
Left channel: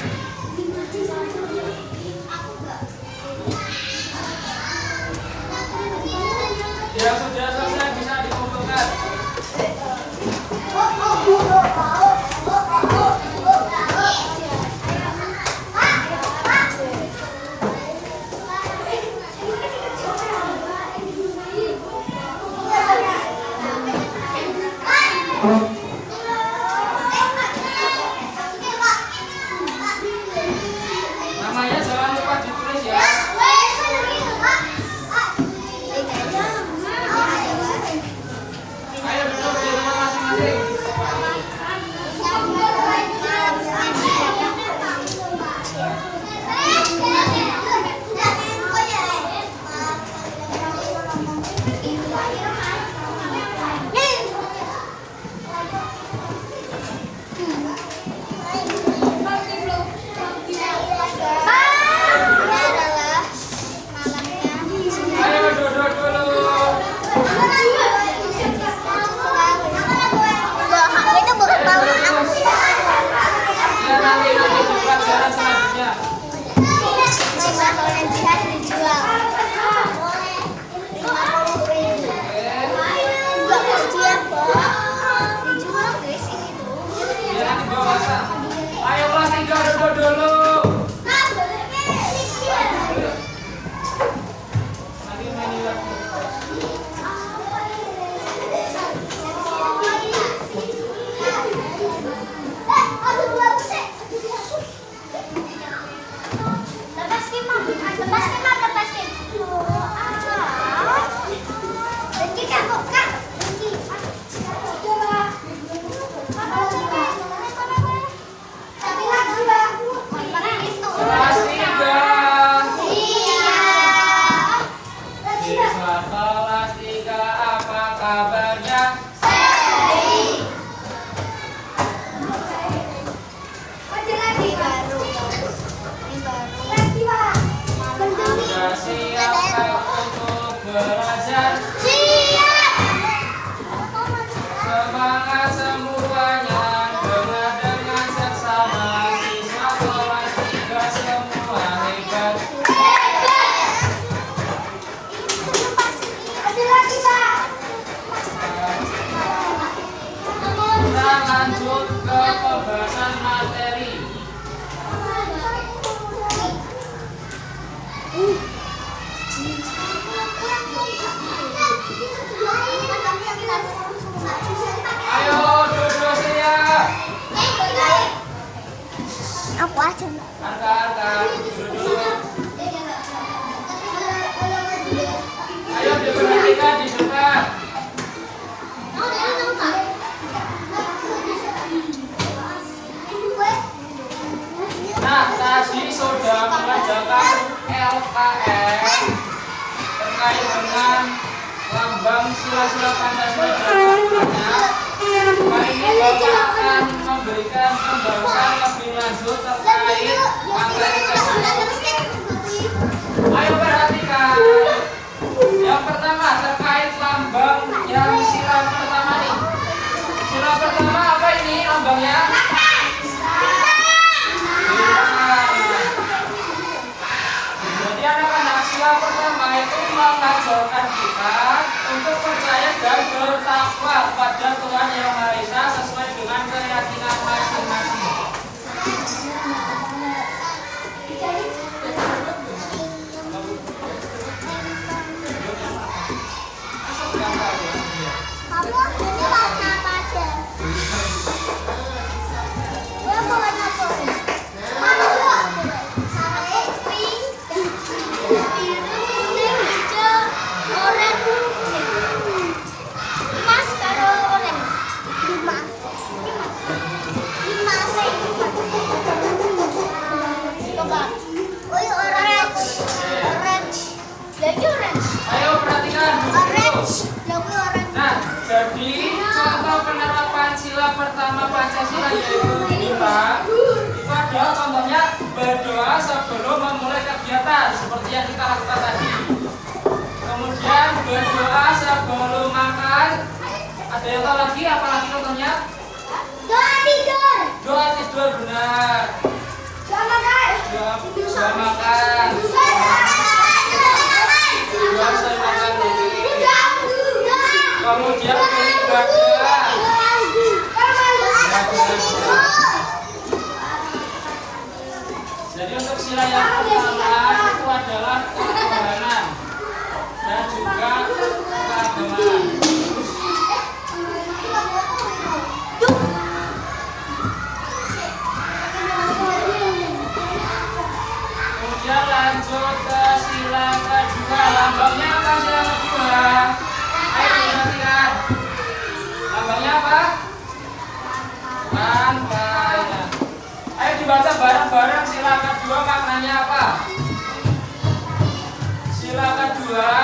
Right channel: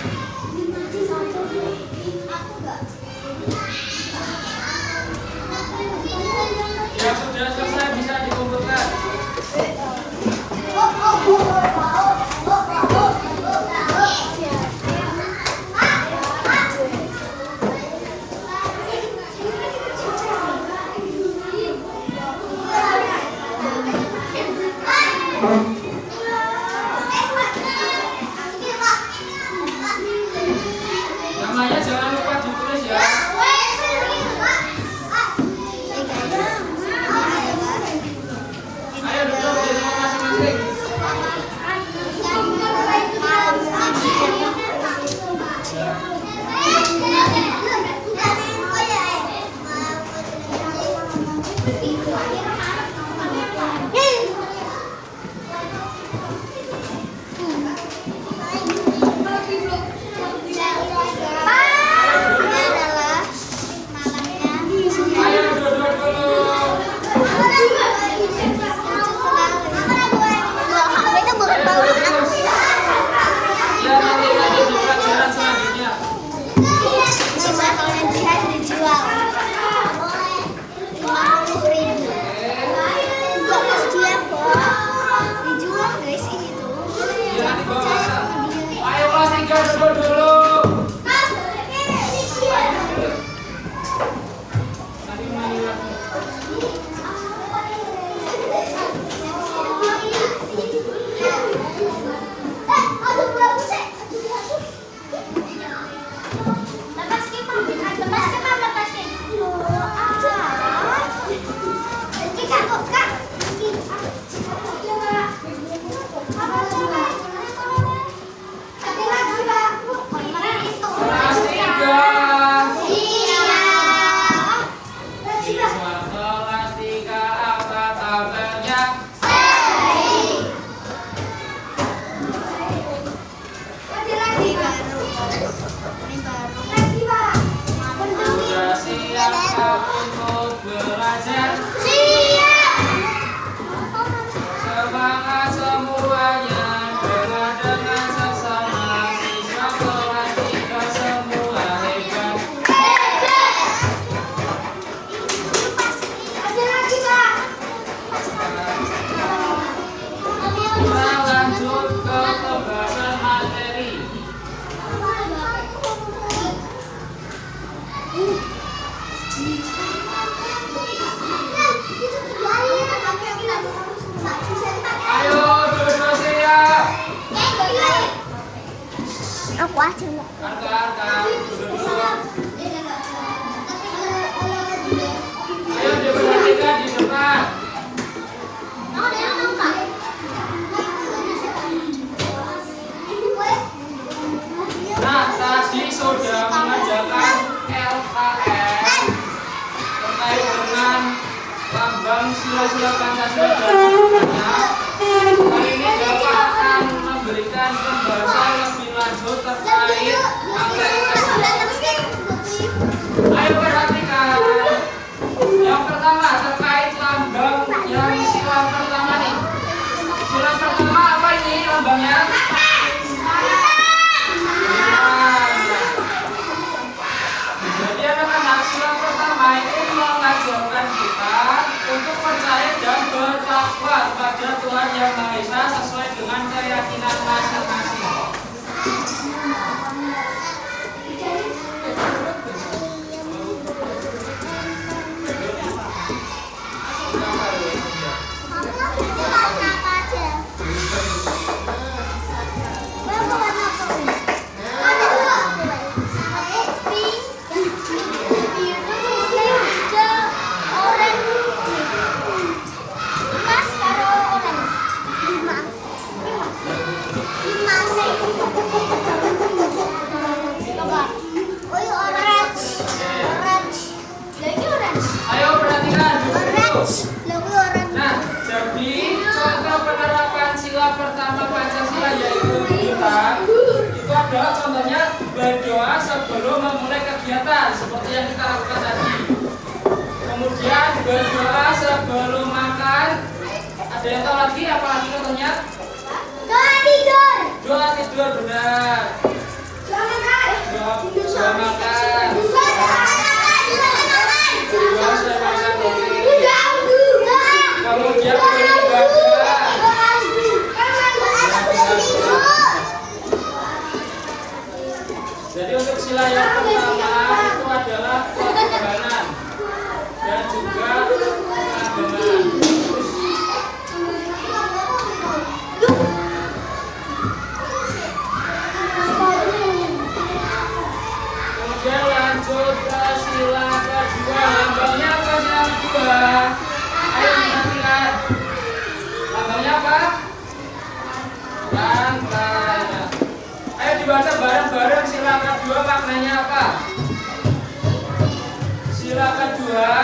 Yang sudah selesai bisa dikumpulkan. Namanya jangan lupa ditulis ya. Ayo duduk di rumah masing-masing. Ayo duduk dulu. Ya nanti di pelajaran selanjutnya. Jangan dibawa. Ayo kelas 3 duduk dulu. Mari main lagi. Kelas 3. Siswa kelas 3 apa kabarnya? Sudah siapkah untuk belajar? Semangat semuanya, dengan seksama. Siswa kelas 3 semua hebat. Kita lanjut ke pembahasan materi. Ayo duduk siap. Aku aja. Angka, duduk. Ayo diperhatikan di depan. Nah, tadi sudah mengerjakan LKM terkait dengan lambang sila-sila Pancasila dan seterusnya. Kali ini Bapak akan memberikan pembahasan lebih lanjut terkait akreditasi. Ayo perhatikan. Yang pertama terkait lambang yang sila pertama nih. Sila pertama apa ini lambangnya? Jadi anak-anak sila pertama itu mengajarkan kita untuk percaya dan bertakwa pada Tuhan Yang Maha Esa sesuai dengan keyakinan masing-masing. Ayo perhatikan dulu. Nah, jadi contoh penerapan sila pertama Pancasila yaitu kita itu adalah contohnya berdoa sebelum memulai kegiatan seperti yang kita lakukan tadi. Kemudian berdoa sebelum makan. Ada yang tahu lagi apa lagi contohnya? Doa tidur. Doa tidur benar. Doa makan. Doa makan. Doa makan kemudian beribadah. Jadi untuk sila yang pertama itu adalah ketuhanan dan juga keagamaan. Kemudian lanjut ke sila kedua. Lambangnya apa sila kedua? Ayo perhatikan. Lambangnya apa? Lantai. Ayo dibaca bareng-bareng sila kedua maknanya apa? Sila kedua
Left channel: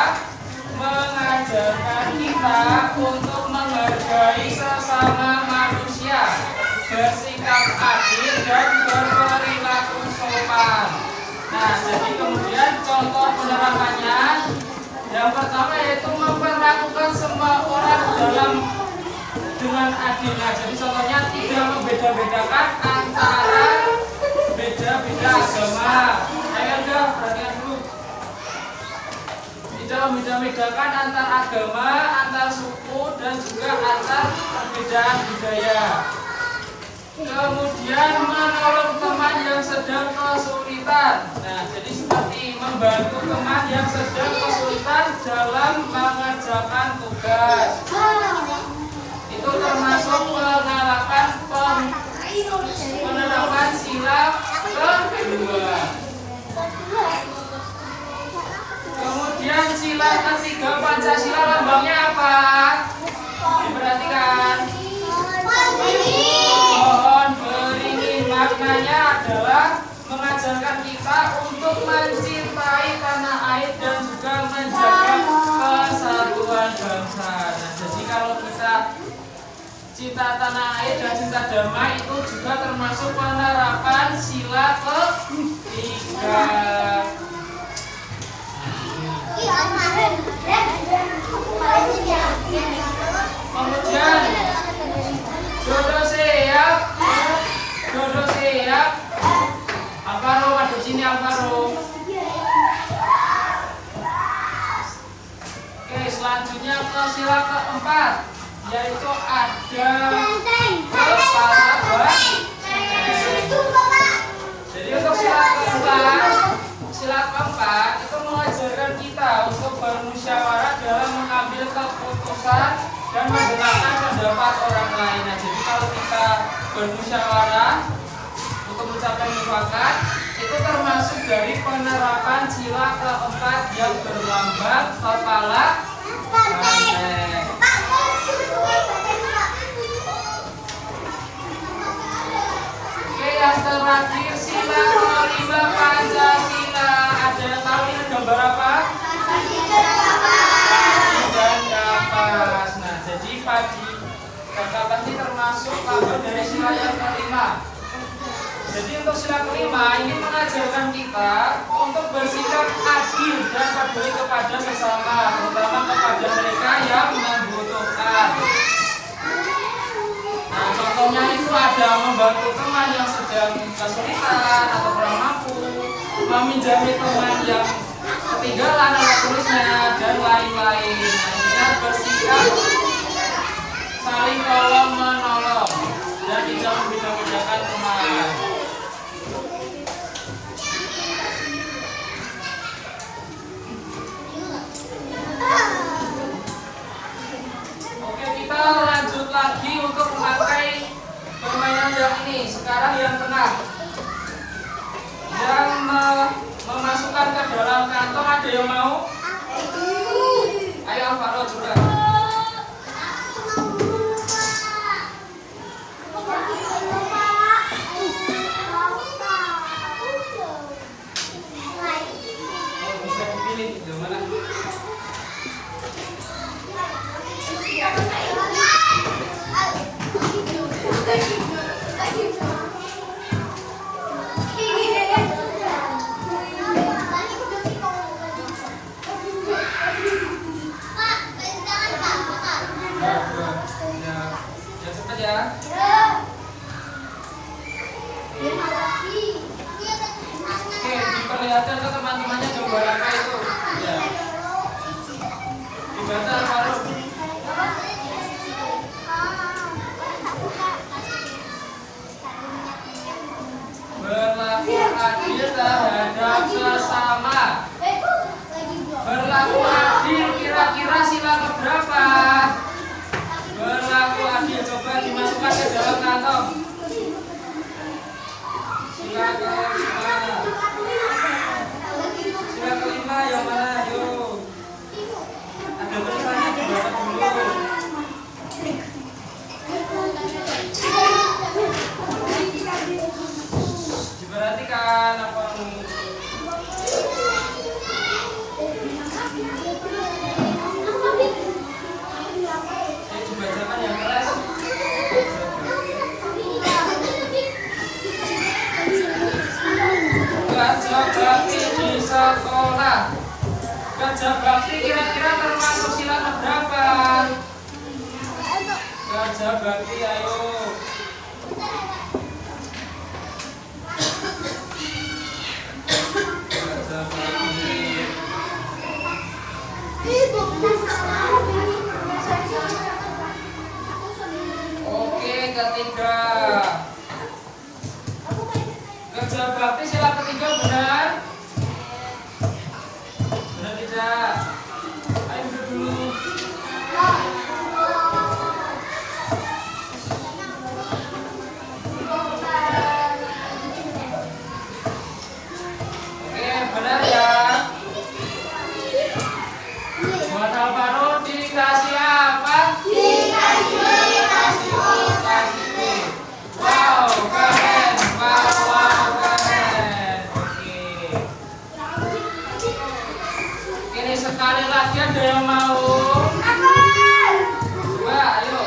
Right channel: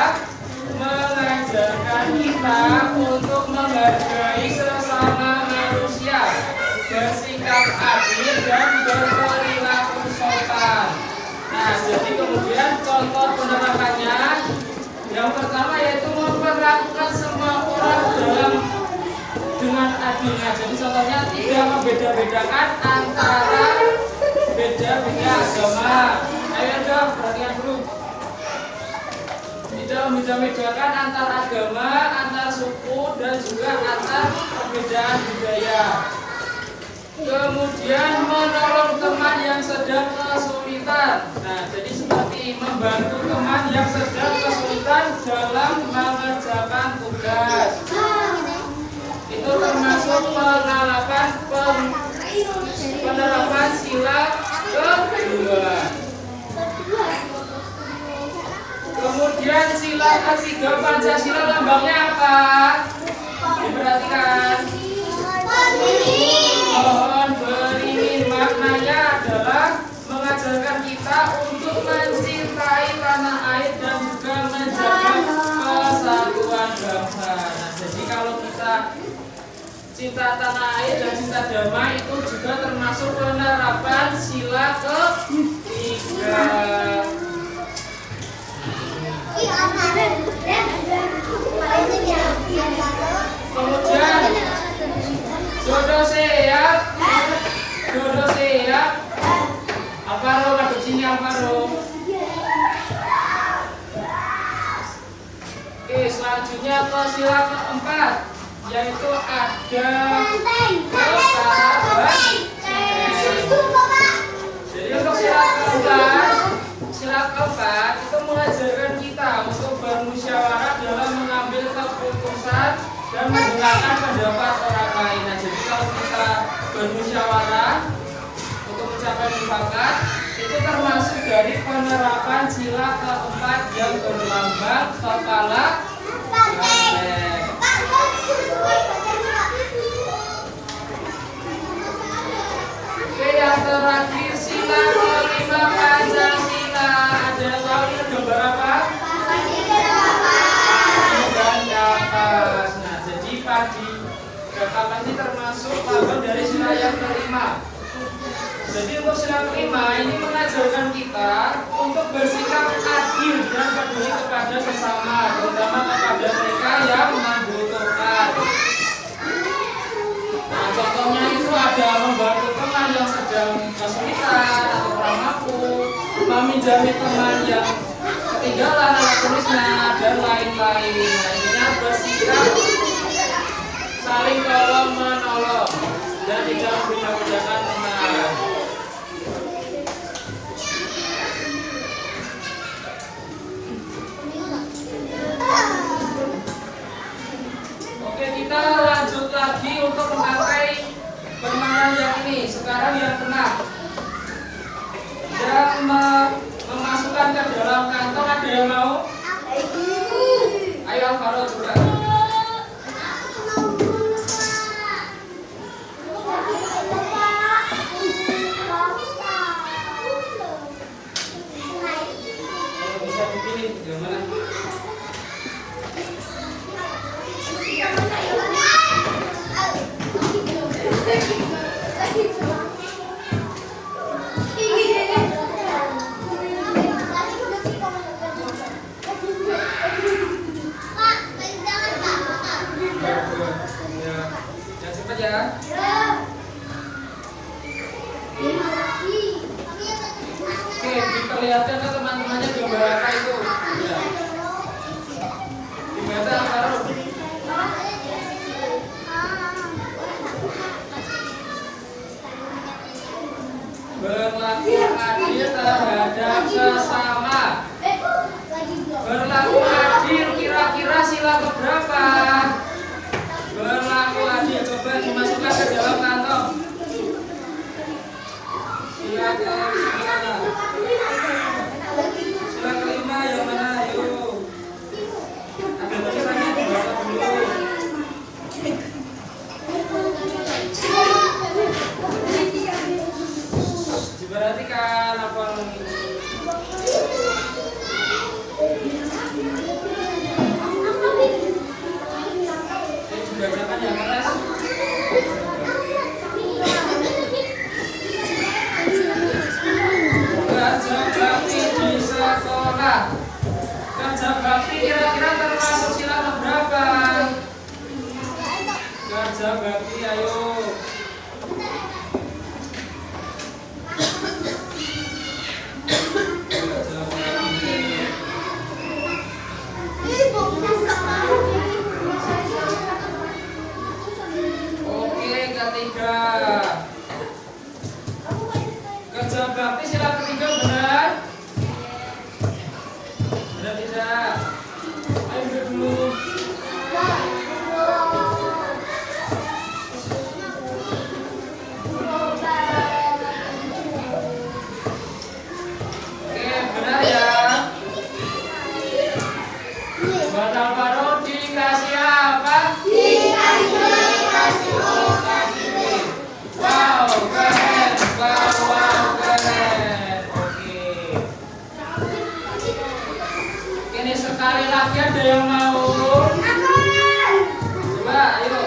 mengajarkan kita untuk menghargai sesama manusia, bersikap adil dan berperilaku sopan. Nah, jadi kemudian contoh penerapannya yang pertama yaitu memperlakukan semua orang dengan adil. Nah, jadi contohnya tidak membeda-bedakan antara beda-beda agama. Ayo dong, perhatikan dulu. Tidak membeda-bedakan antar agama, antar suku dan juga antar perbedaan budaya. Kemudian menolong teman yang sedang kesulitan. Nah, jadi seperti membantu teman yang sedang kesulitan dalam mengerjakan tugas. Itu termasuk penerapan sila kedua. Kemudian sila ketiga Pancasila lambangnya apa? Diperhatikan. Pohon beringin maknanya adalah mengajarkan kita untuk mencintai tanah air dan juga menjaga kesatuan bangsa. Nah, jadi kalau kita cinta tanah air dan cinta damai itu juga termasuk penerapan sila ketiga. Kemudian Dodo siap. Alvaro masuk sini Alvaro. Oke, selanjutnya ke sila keempat yaitu ada kesabaran. Jadi untuk sila keempat itu mengajarkan kita untuk bermusyawarah dalam mengambil keputusan dan mendengarkan pendapat orang lain. Nah, jadi kalau kita bermusyawarah untuk mencapai mufakat itu termasuk dari penerapan sila keempat yang berlambang kepala banteng. Oke, yang terakhir sila kelima Pancasila. Ada yang tahu ini gambar apa? Dan kapas. Nah, jadi padi dan kapas ini termasuk bagian dari sila yang kelima. Jadi untuk sila kelima ini mengajarkan kita untuk bersikap adil dan peduli kepada sesama, terutama kepada mereka yang membutuhkan. Nah, contohnya itu ada membantu teman yang sedang kesulitan atau kurang mampu, meminjami teman yang ketinggalan alat tulisnya dan lain-lain. Ingat bersikap saling tolong menolong dan tidak membeda-bedakan teman. Oke, kita lanjut lagi untuk memakai permainan yang ini. Sekarang yang tenang. Yang memasukkan ke dalam kantong, ada yang mau? Ayo Alvaro juga. Bisa dipilih yang mana? Ya cepat ya. Oke, diperlihatkan ke teman-temannya gambar apa itu? Ya. Dibaca Alvaro. Berlaku adil terhadap sesama. Berlaku adil kira-kira sila keberapa? Berlaku adil, coba dimasukkan ke dalam kantong. Sila kelima yang mana? Ayo. Ada tulisannya dibaca dulu. Diperhatikan apa nih? Dibacakan yang keras. Kerja bakti di sekolah. Kerja bakti kira-kira termasuk sila keberapa? Kerja bakti, ayo. Kerja bakti. Oke, ketiga. Kerja bakti sila ketiga benar? Benar tidak? Ayo duduk dulu. Oke, benar ya. Buat Alvaro dikasih apa? Wow, keren. Wow, keren. Oke. Ini sekali lagi ada yang mau? Coba, ayo.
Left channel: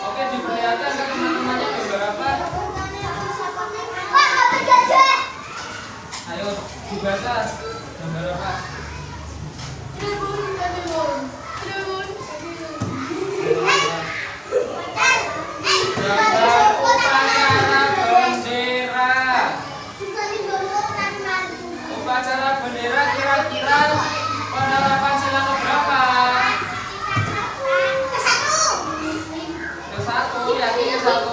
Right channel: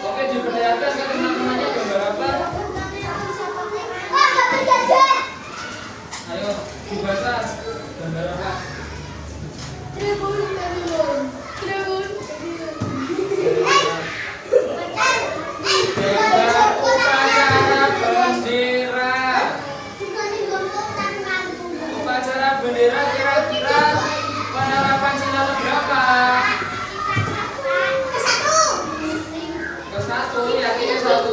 Oke, diperlihatkan ke teman-temannya gambar apa? Ayo, dibaca gambar apa? Gambar upacara bendera. Upacara bendera kira-kira penetapan sila keberapa? Ke-1, yakin ke-1?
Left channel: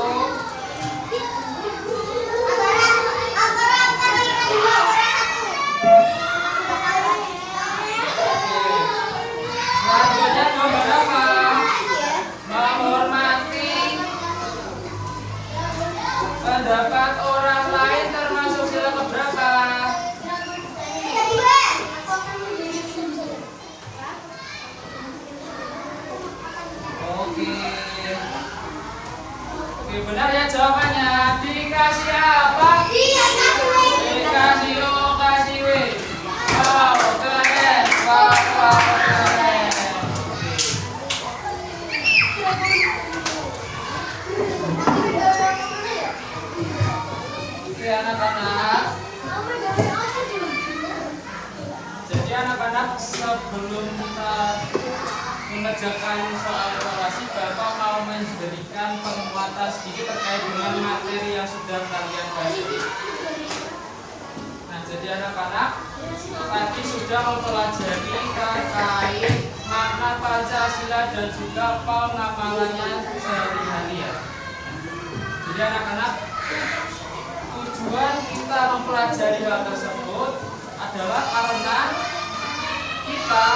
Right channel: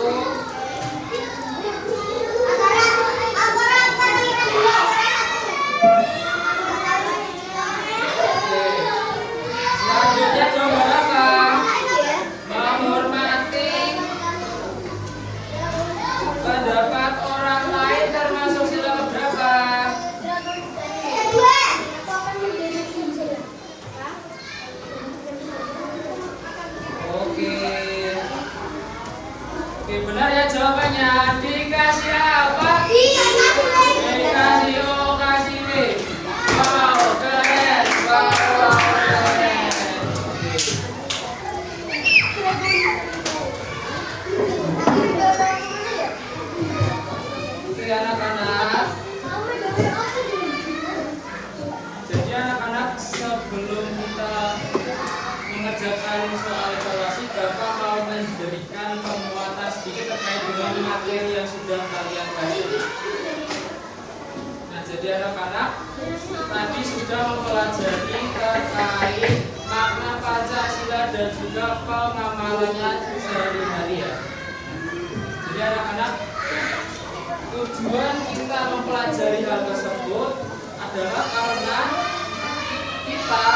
Selanjutnya gambar apa? Menghormati pendapat orang lain termasuk sila keberapa? Oke. Oke, benar ya jawabannya. Dikasih apa? Dikasih O, kasih W. Oke anak-anak. Jadi anak-anak, sebelum kita mengerjakan soal evaluasi, Bapak mau memberikan penguatan sedikit terkait dengan materi yang sudah kalian baca. Nah, jadi anak-anak, tadi sudah mempelajari terkait makna Pancasila dan juga pengamalannya sehari-hari ya. Jadi anak-anak, tujuan kita mempelajari hal tersebut adalah karena kita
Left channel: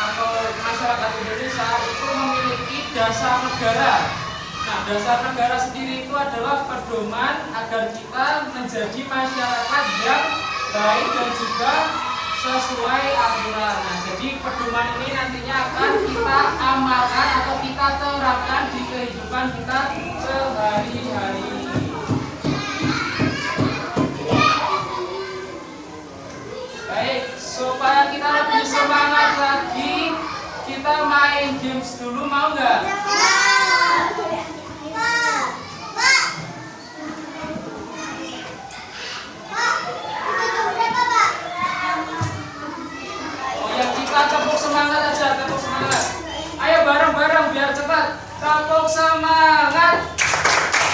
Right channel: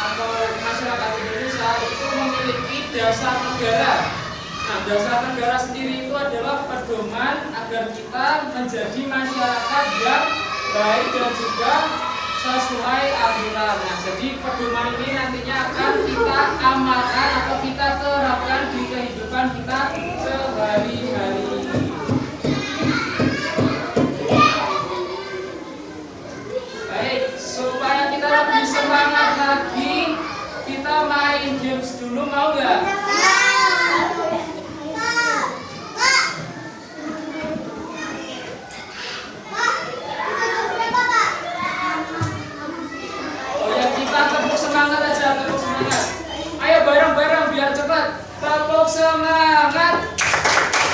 atau masyarakat Indonesia itu memiliki dasar negara. Nah, dasar negara sendiri itu adalah pedoman agar kita menjadi masyarakat yang baik dan juga sesuai aturan. Nah, jadi pedoman ini nantinya akan kita amalkan atau kita terapkan di kehidupan kita sehari-hari. Baik, supaya kita lebih semangat lagi, kita main games dulu, mau nggak? Oh ya, kita tepuk semangat aja, tepuk semangat. Ayo bareng-bareng biar cepat. Tepuk semangat.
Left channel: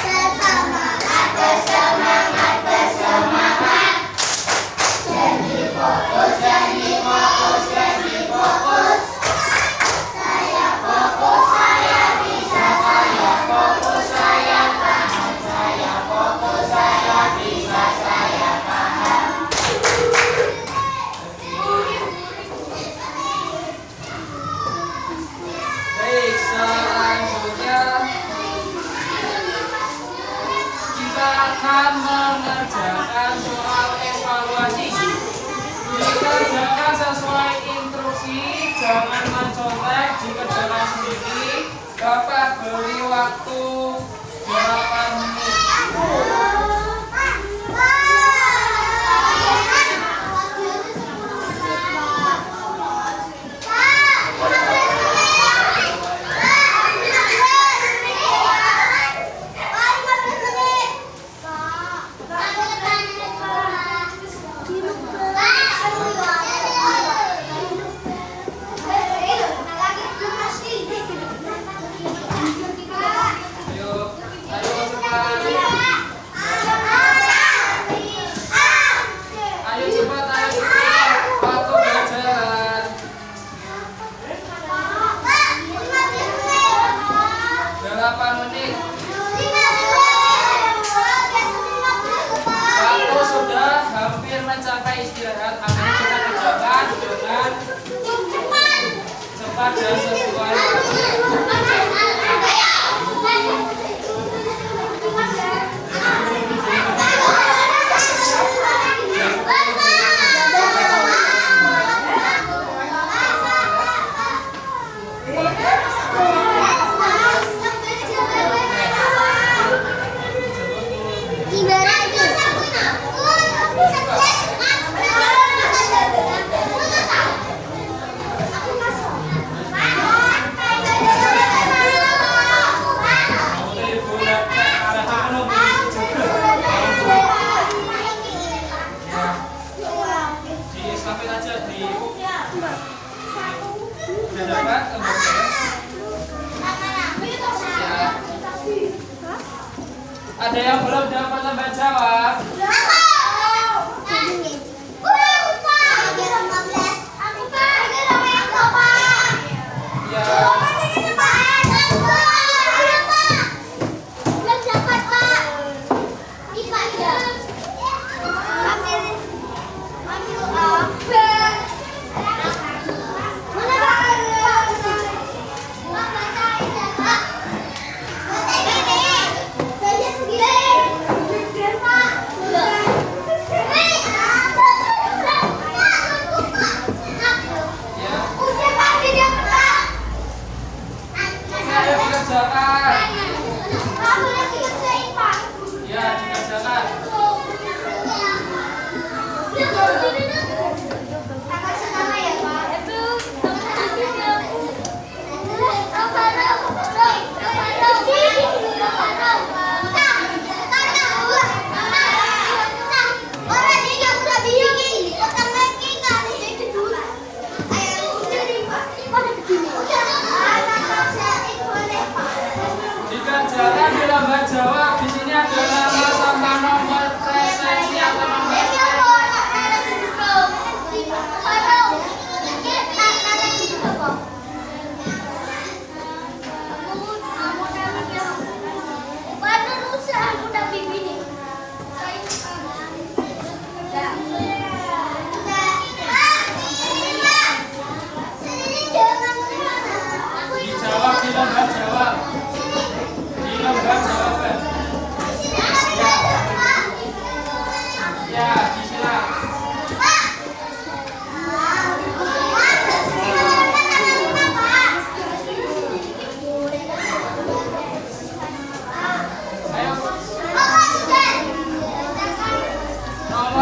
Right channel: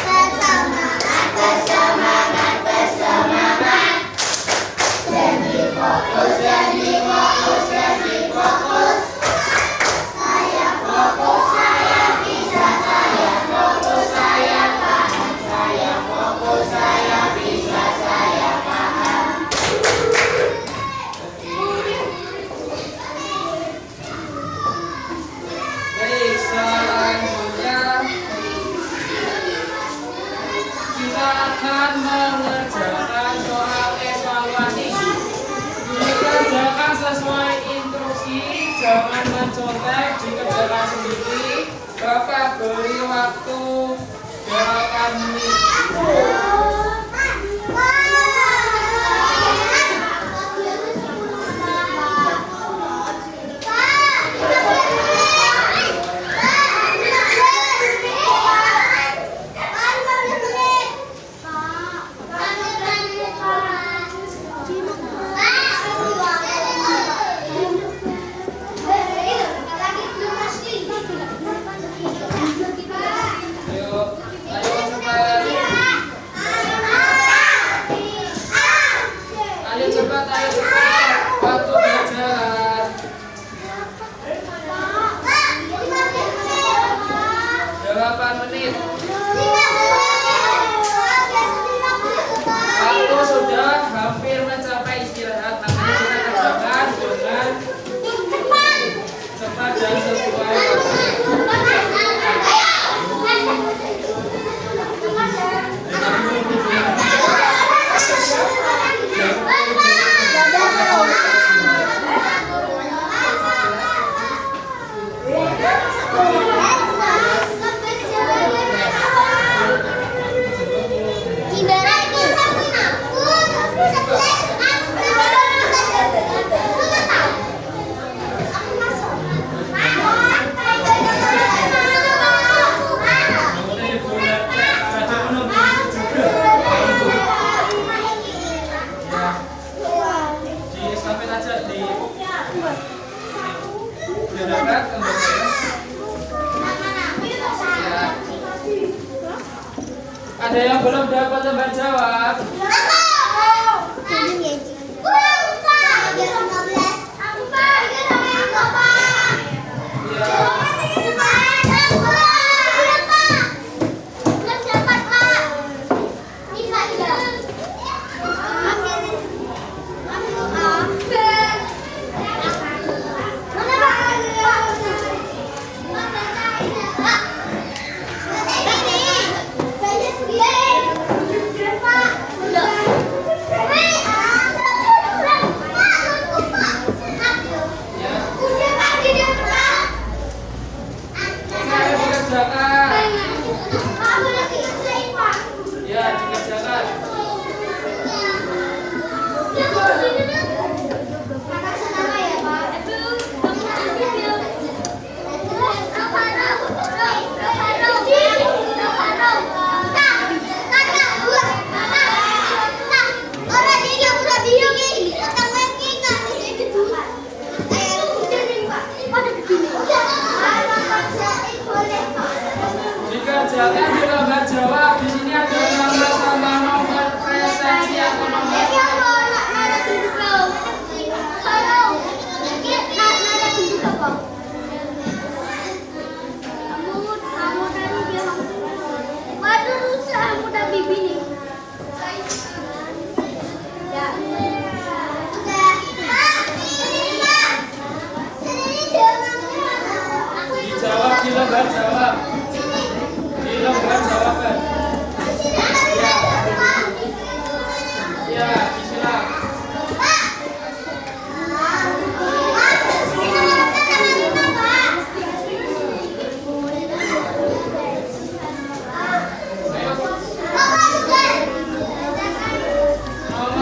Bersemangat, bersemangat, bersemangat. Jadi fokus, jadi fokus, jadi fokus. Saya fokus, saya bisa, saya fokus, saya tahan, saya fokus, saya bisa, saya paham. Baik, selanjutnya kita akan mengerjakan soal evaluasi. Dikerjakan sesuai instruksi, jangan mencontek, dikerjakan sendiri. Bapak beri waktu 8 menit. Ayo, ayo cepat. Ayo cepat, ayo cepat. Waktu berjalan. 8 menit. Waktu sudah hampir mencapai istirahat. Makanya kita kerjakan dengan cepat dan sesuai waktu.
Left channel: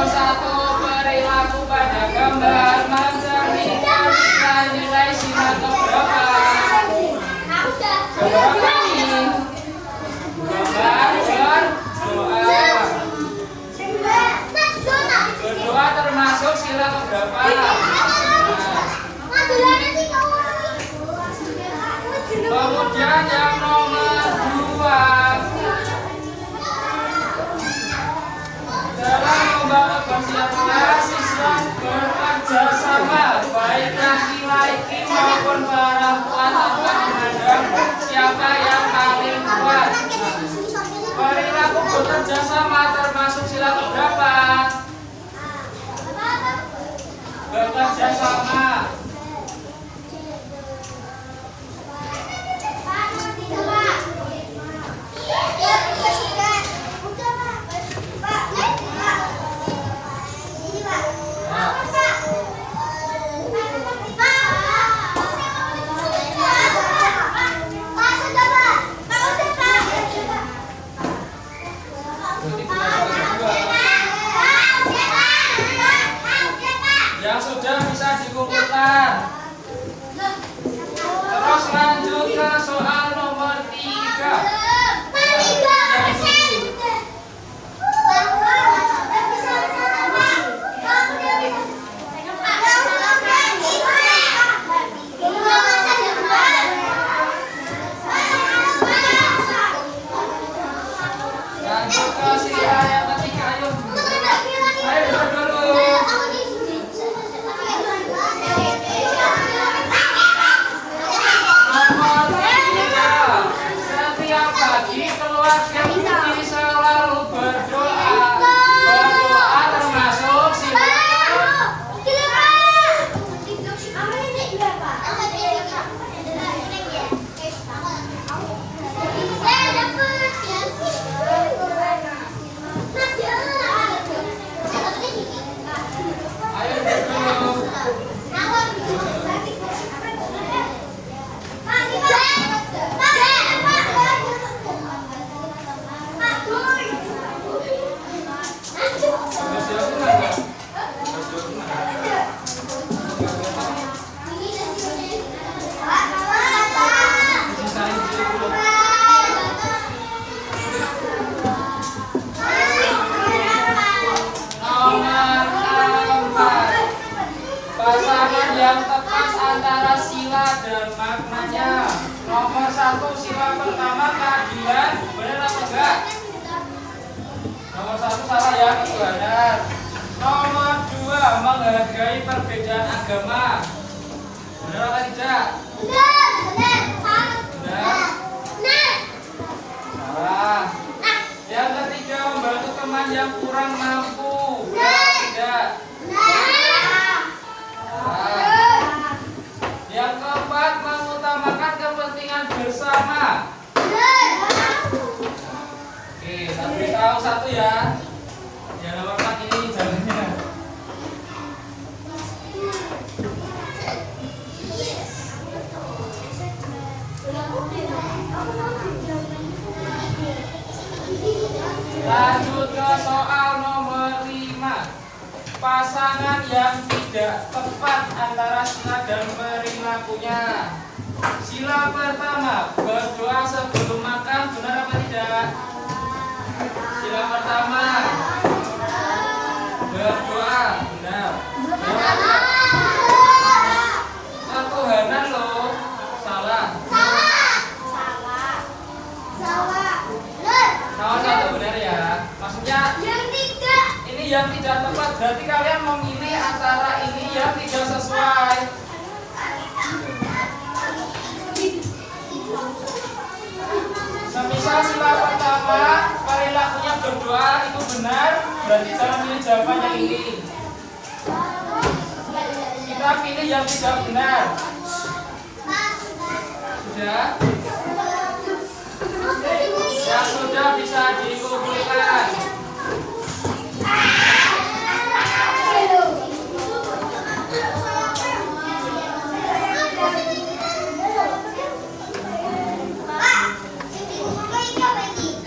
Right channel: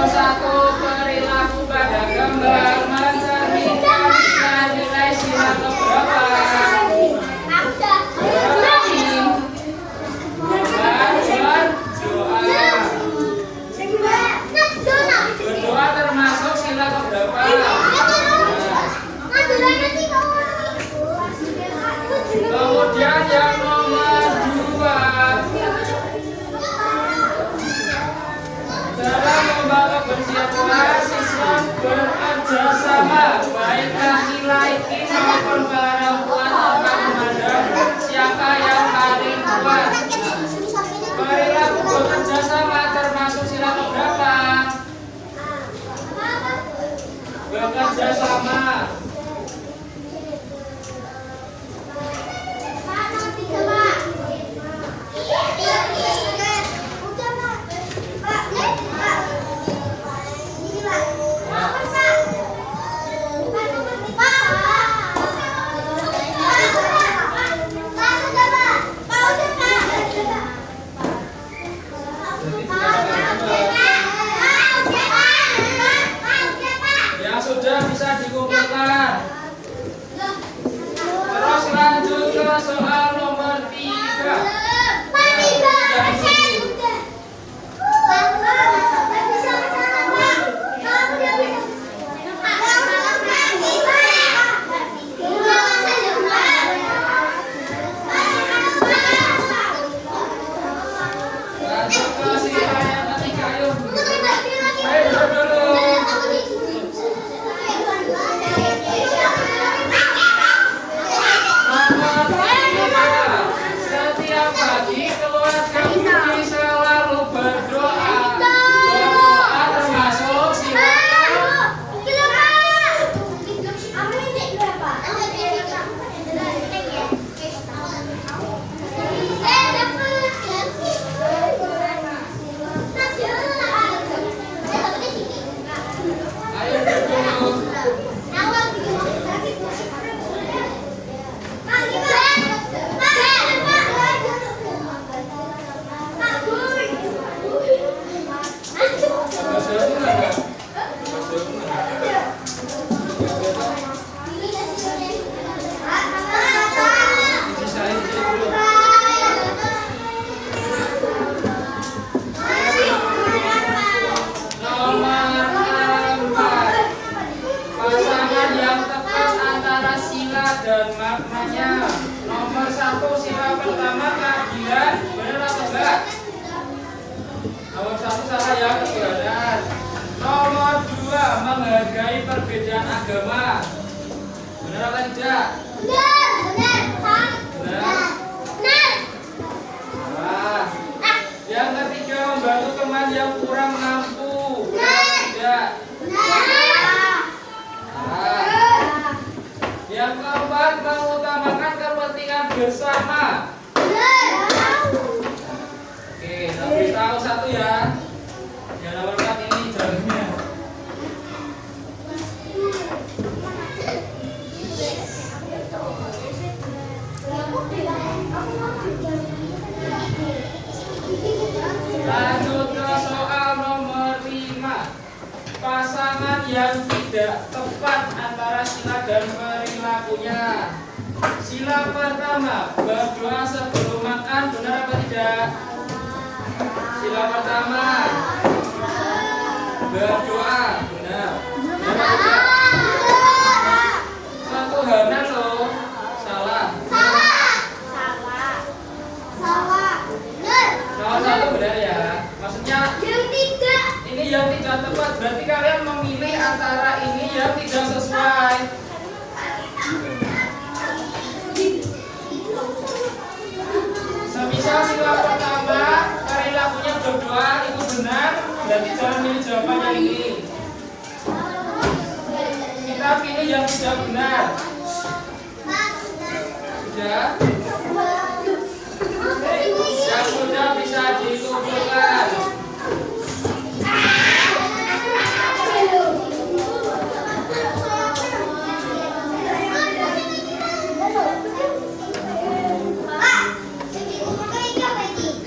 Nomor 1, perilaku pada gambar mencerminkan nilai-nilai sila keberapa? Berapa ini? Gambar berdoa. Berdoa termasuk sila keberapa? Kemudian yang nomor 2, dalam lomba kebersihan kelas siswa bekerja sama, baik laki-laki maupun perempuan tanpa memandang siapa yang paling kuat. Perilaku bekerja sama termasuk sila keberapa? Bekerja sama. Yang sudah bisa dikumpulkan. Terus lanjut ke soal nomor 3. Lanjut ke sila yang ketiga, ayo. Ayo duduk dulu. Nomor 3, setiap pagi keluarga Budi selalu berdoa. Berdoa termasuk sila ayo duduk. Pasangan yang tepat antara sila dan maknanya. Nomor 1, sila pertama keadilan, benar apa enggak? Nomor 1 salah ya, ketuhanan. Nomor 2, menghargai perbedaan agama, benar apa tidak? Salah. Yang ketiga, membantu teman yang kurang mampu, benar apa tidak? Yang keempat, mengutamakan kepentingan bersama. Oke, tak beritahu satu ya. Yang nomor 4 ini jawabannya. Lanjut ke soal nomor 5. Pasangan yang tidak tepat antara sila dan perilakunya. Sila pertama, berdoa sebelum makan, benar apa tidak? Sila pertama, berdoa, benar. Benar apa tidak? Ketuhanan loh, salah. Nomor 1 benar ya. Maksudnya ini yang tidak tepat, berarti kalian memilih antara ini yang tidak sesuai. Semisal sila pertama perilakunya berdoa itu benar, berarti jangan pilih jawaban yang ini. Kita pilih yang tidak benar. Sudah? Yang sudah bisa dikumpulkan.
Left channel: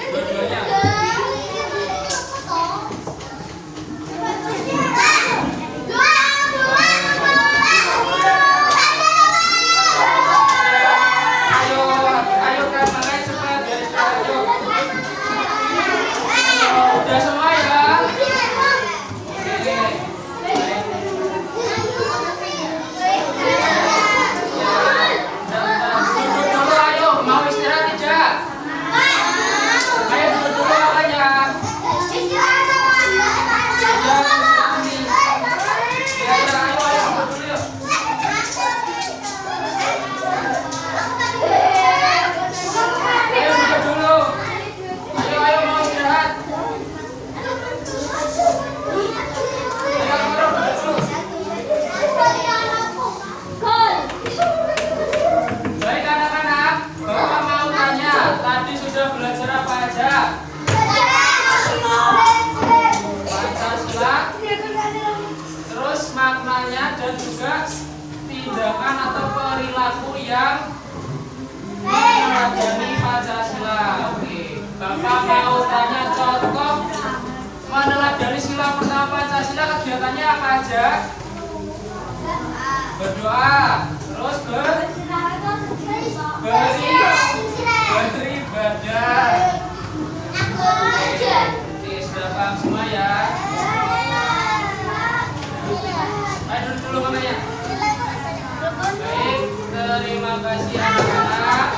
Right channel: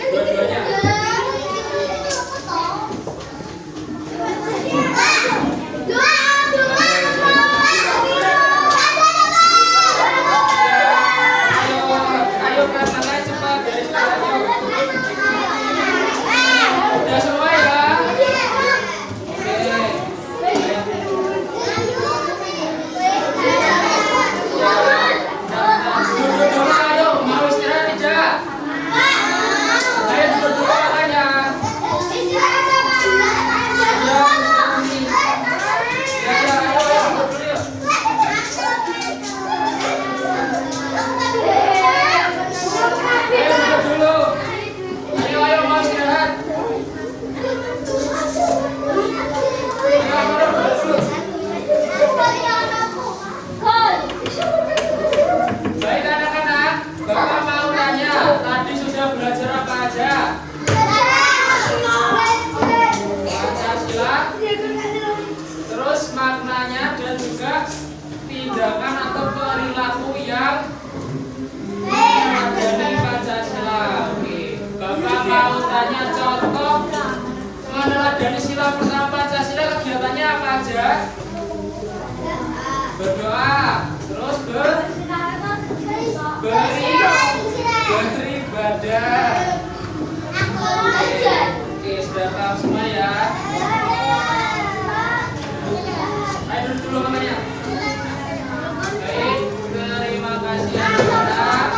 Dua-duanya. tindakan atau perilaku yang meneladani Pancasila. Oke, Bapak mau tanya contoh meneladani sila pertama Pancasila, kegiatannya apa aja? Berdoa, terus beribadah. Oke, sudah paham semua ya? Ayo duduk dulu namanya. Baik, terima kasih anak-anak.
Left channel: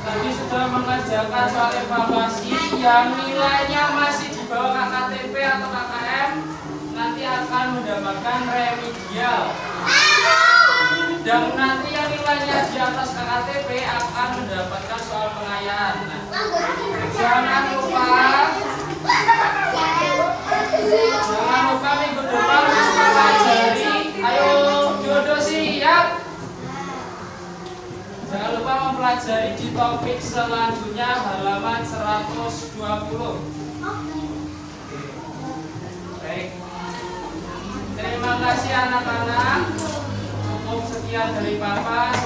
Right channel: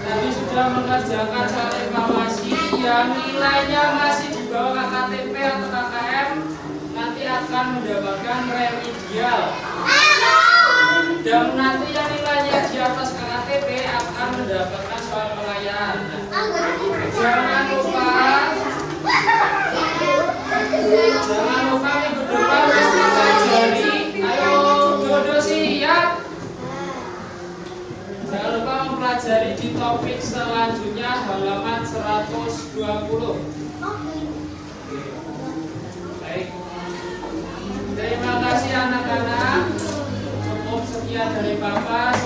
Tadi sudah mengerjakan soal evaluasi yang nilainya masih di bawah KKTP atau KKM, nanti akan mendapatkan remedial. Dan nanti yang nilainya di atas KKTP akan mendapatkan soal pengayaan. Jangan lupa minggu depan harus mempelajari. Ayo Dodo siap. Jangan lupa mempelajari di topik selanjutnya halaman 120. Baik. Terima kasih anak-anak. Cukup sekian dari Bapak.